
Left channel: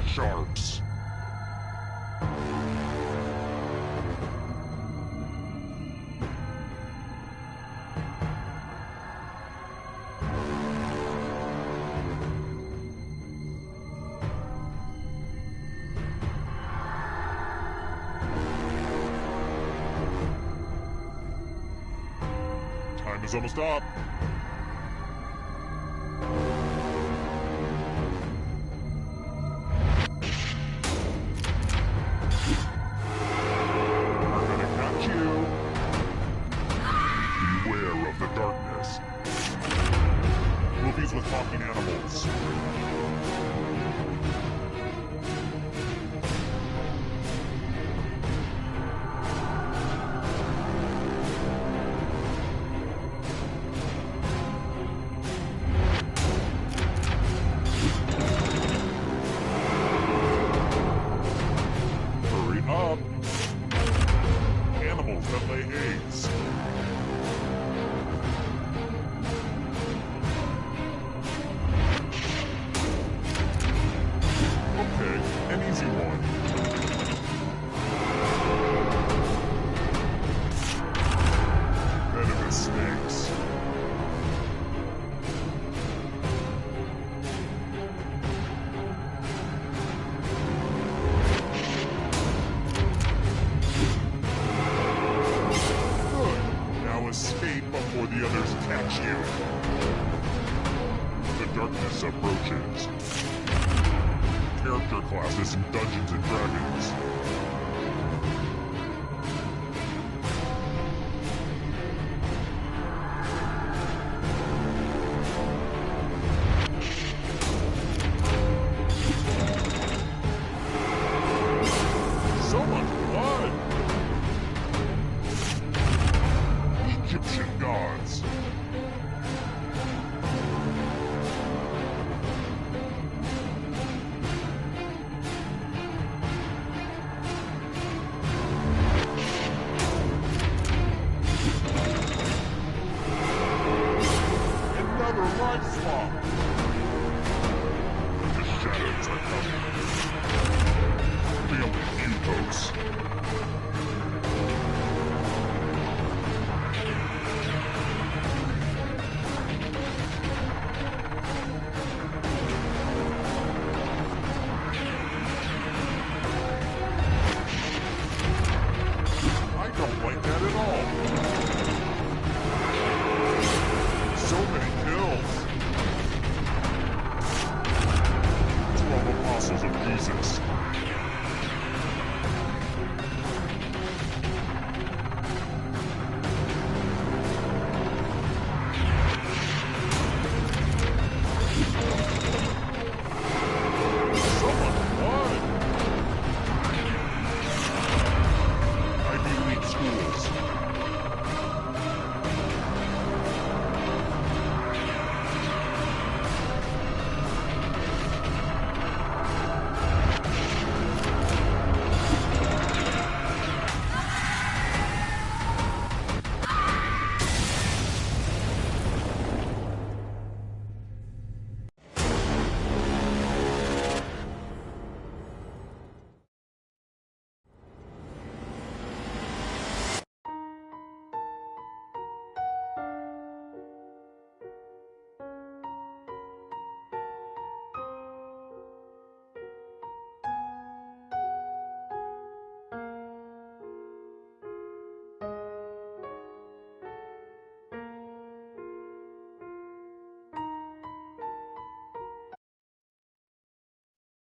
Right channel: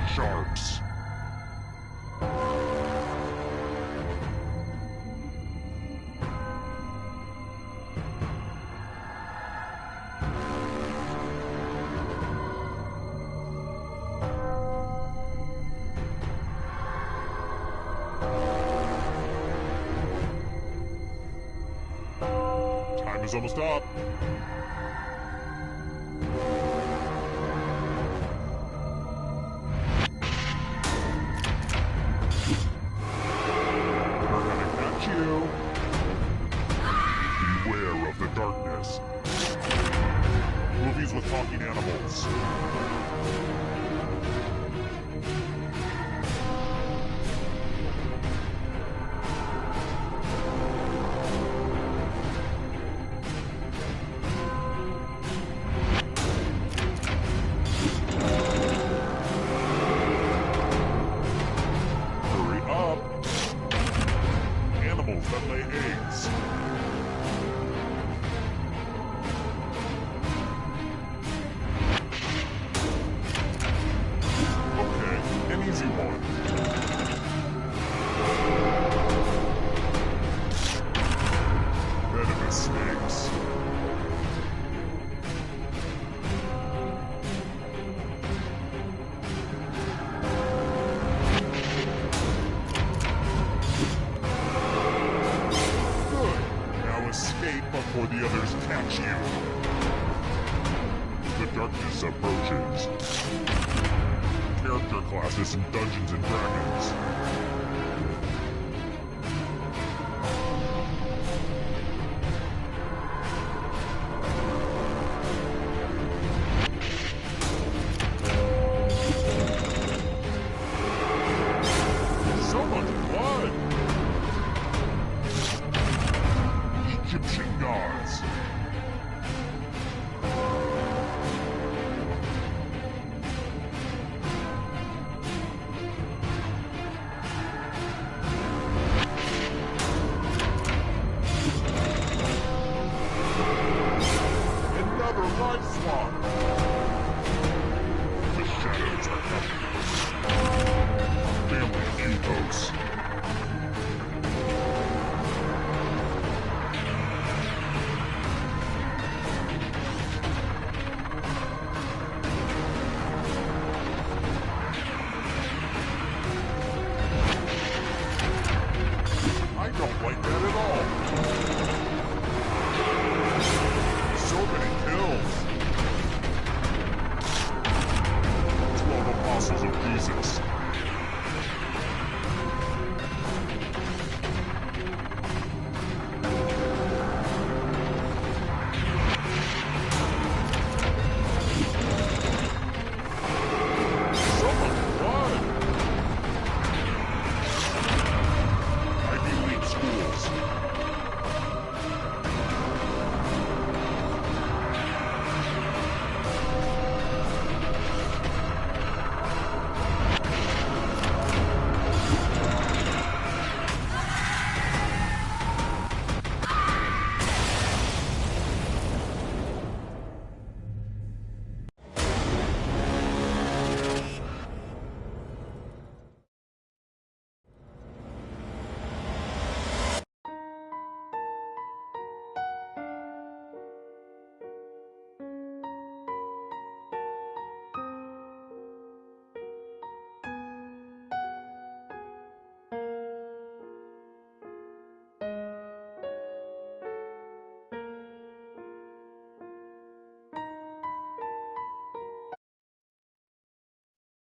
Sharks. Time is almost up. We're gonna catch you. Beware of the darkness. Movies with talking animals. Hurry up. Animals that lay eggs. Okay, an easy one. Venomous snakes. Good. Now escape before the others catch you. The darkness approaches. Character classes in Dungeons and Dragons. So much blood! Egyptian gods. Another life swap. The shadows are coming. Family feud hosts. I don't like that at all. So many kills. 12 apostles of Jesus.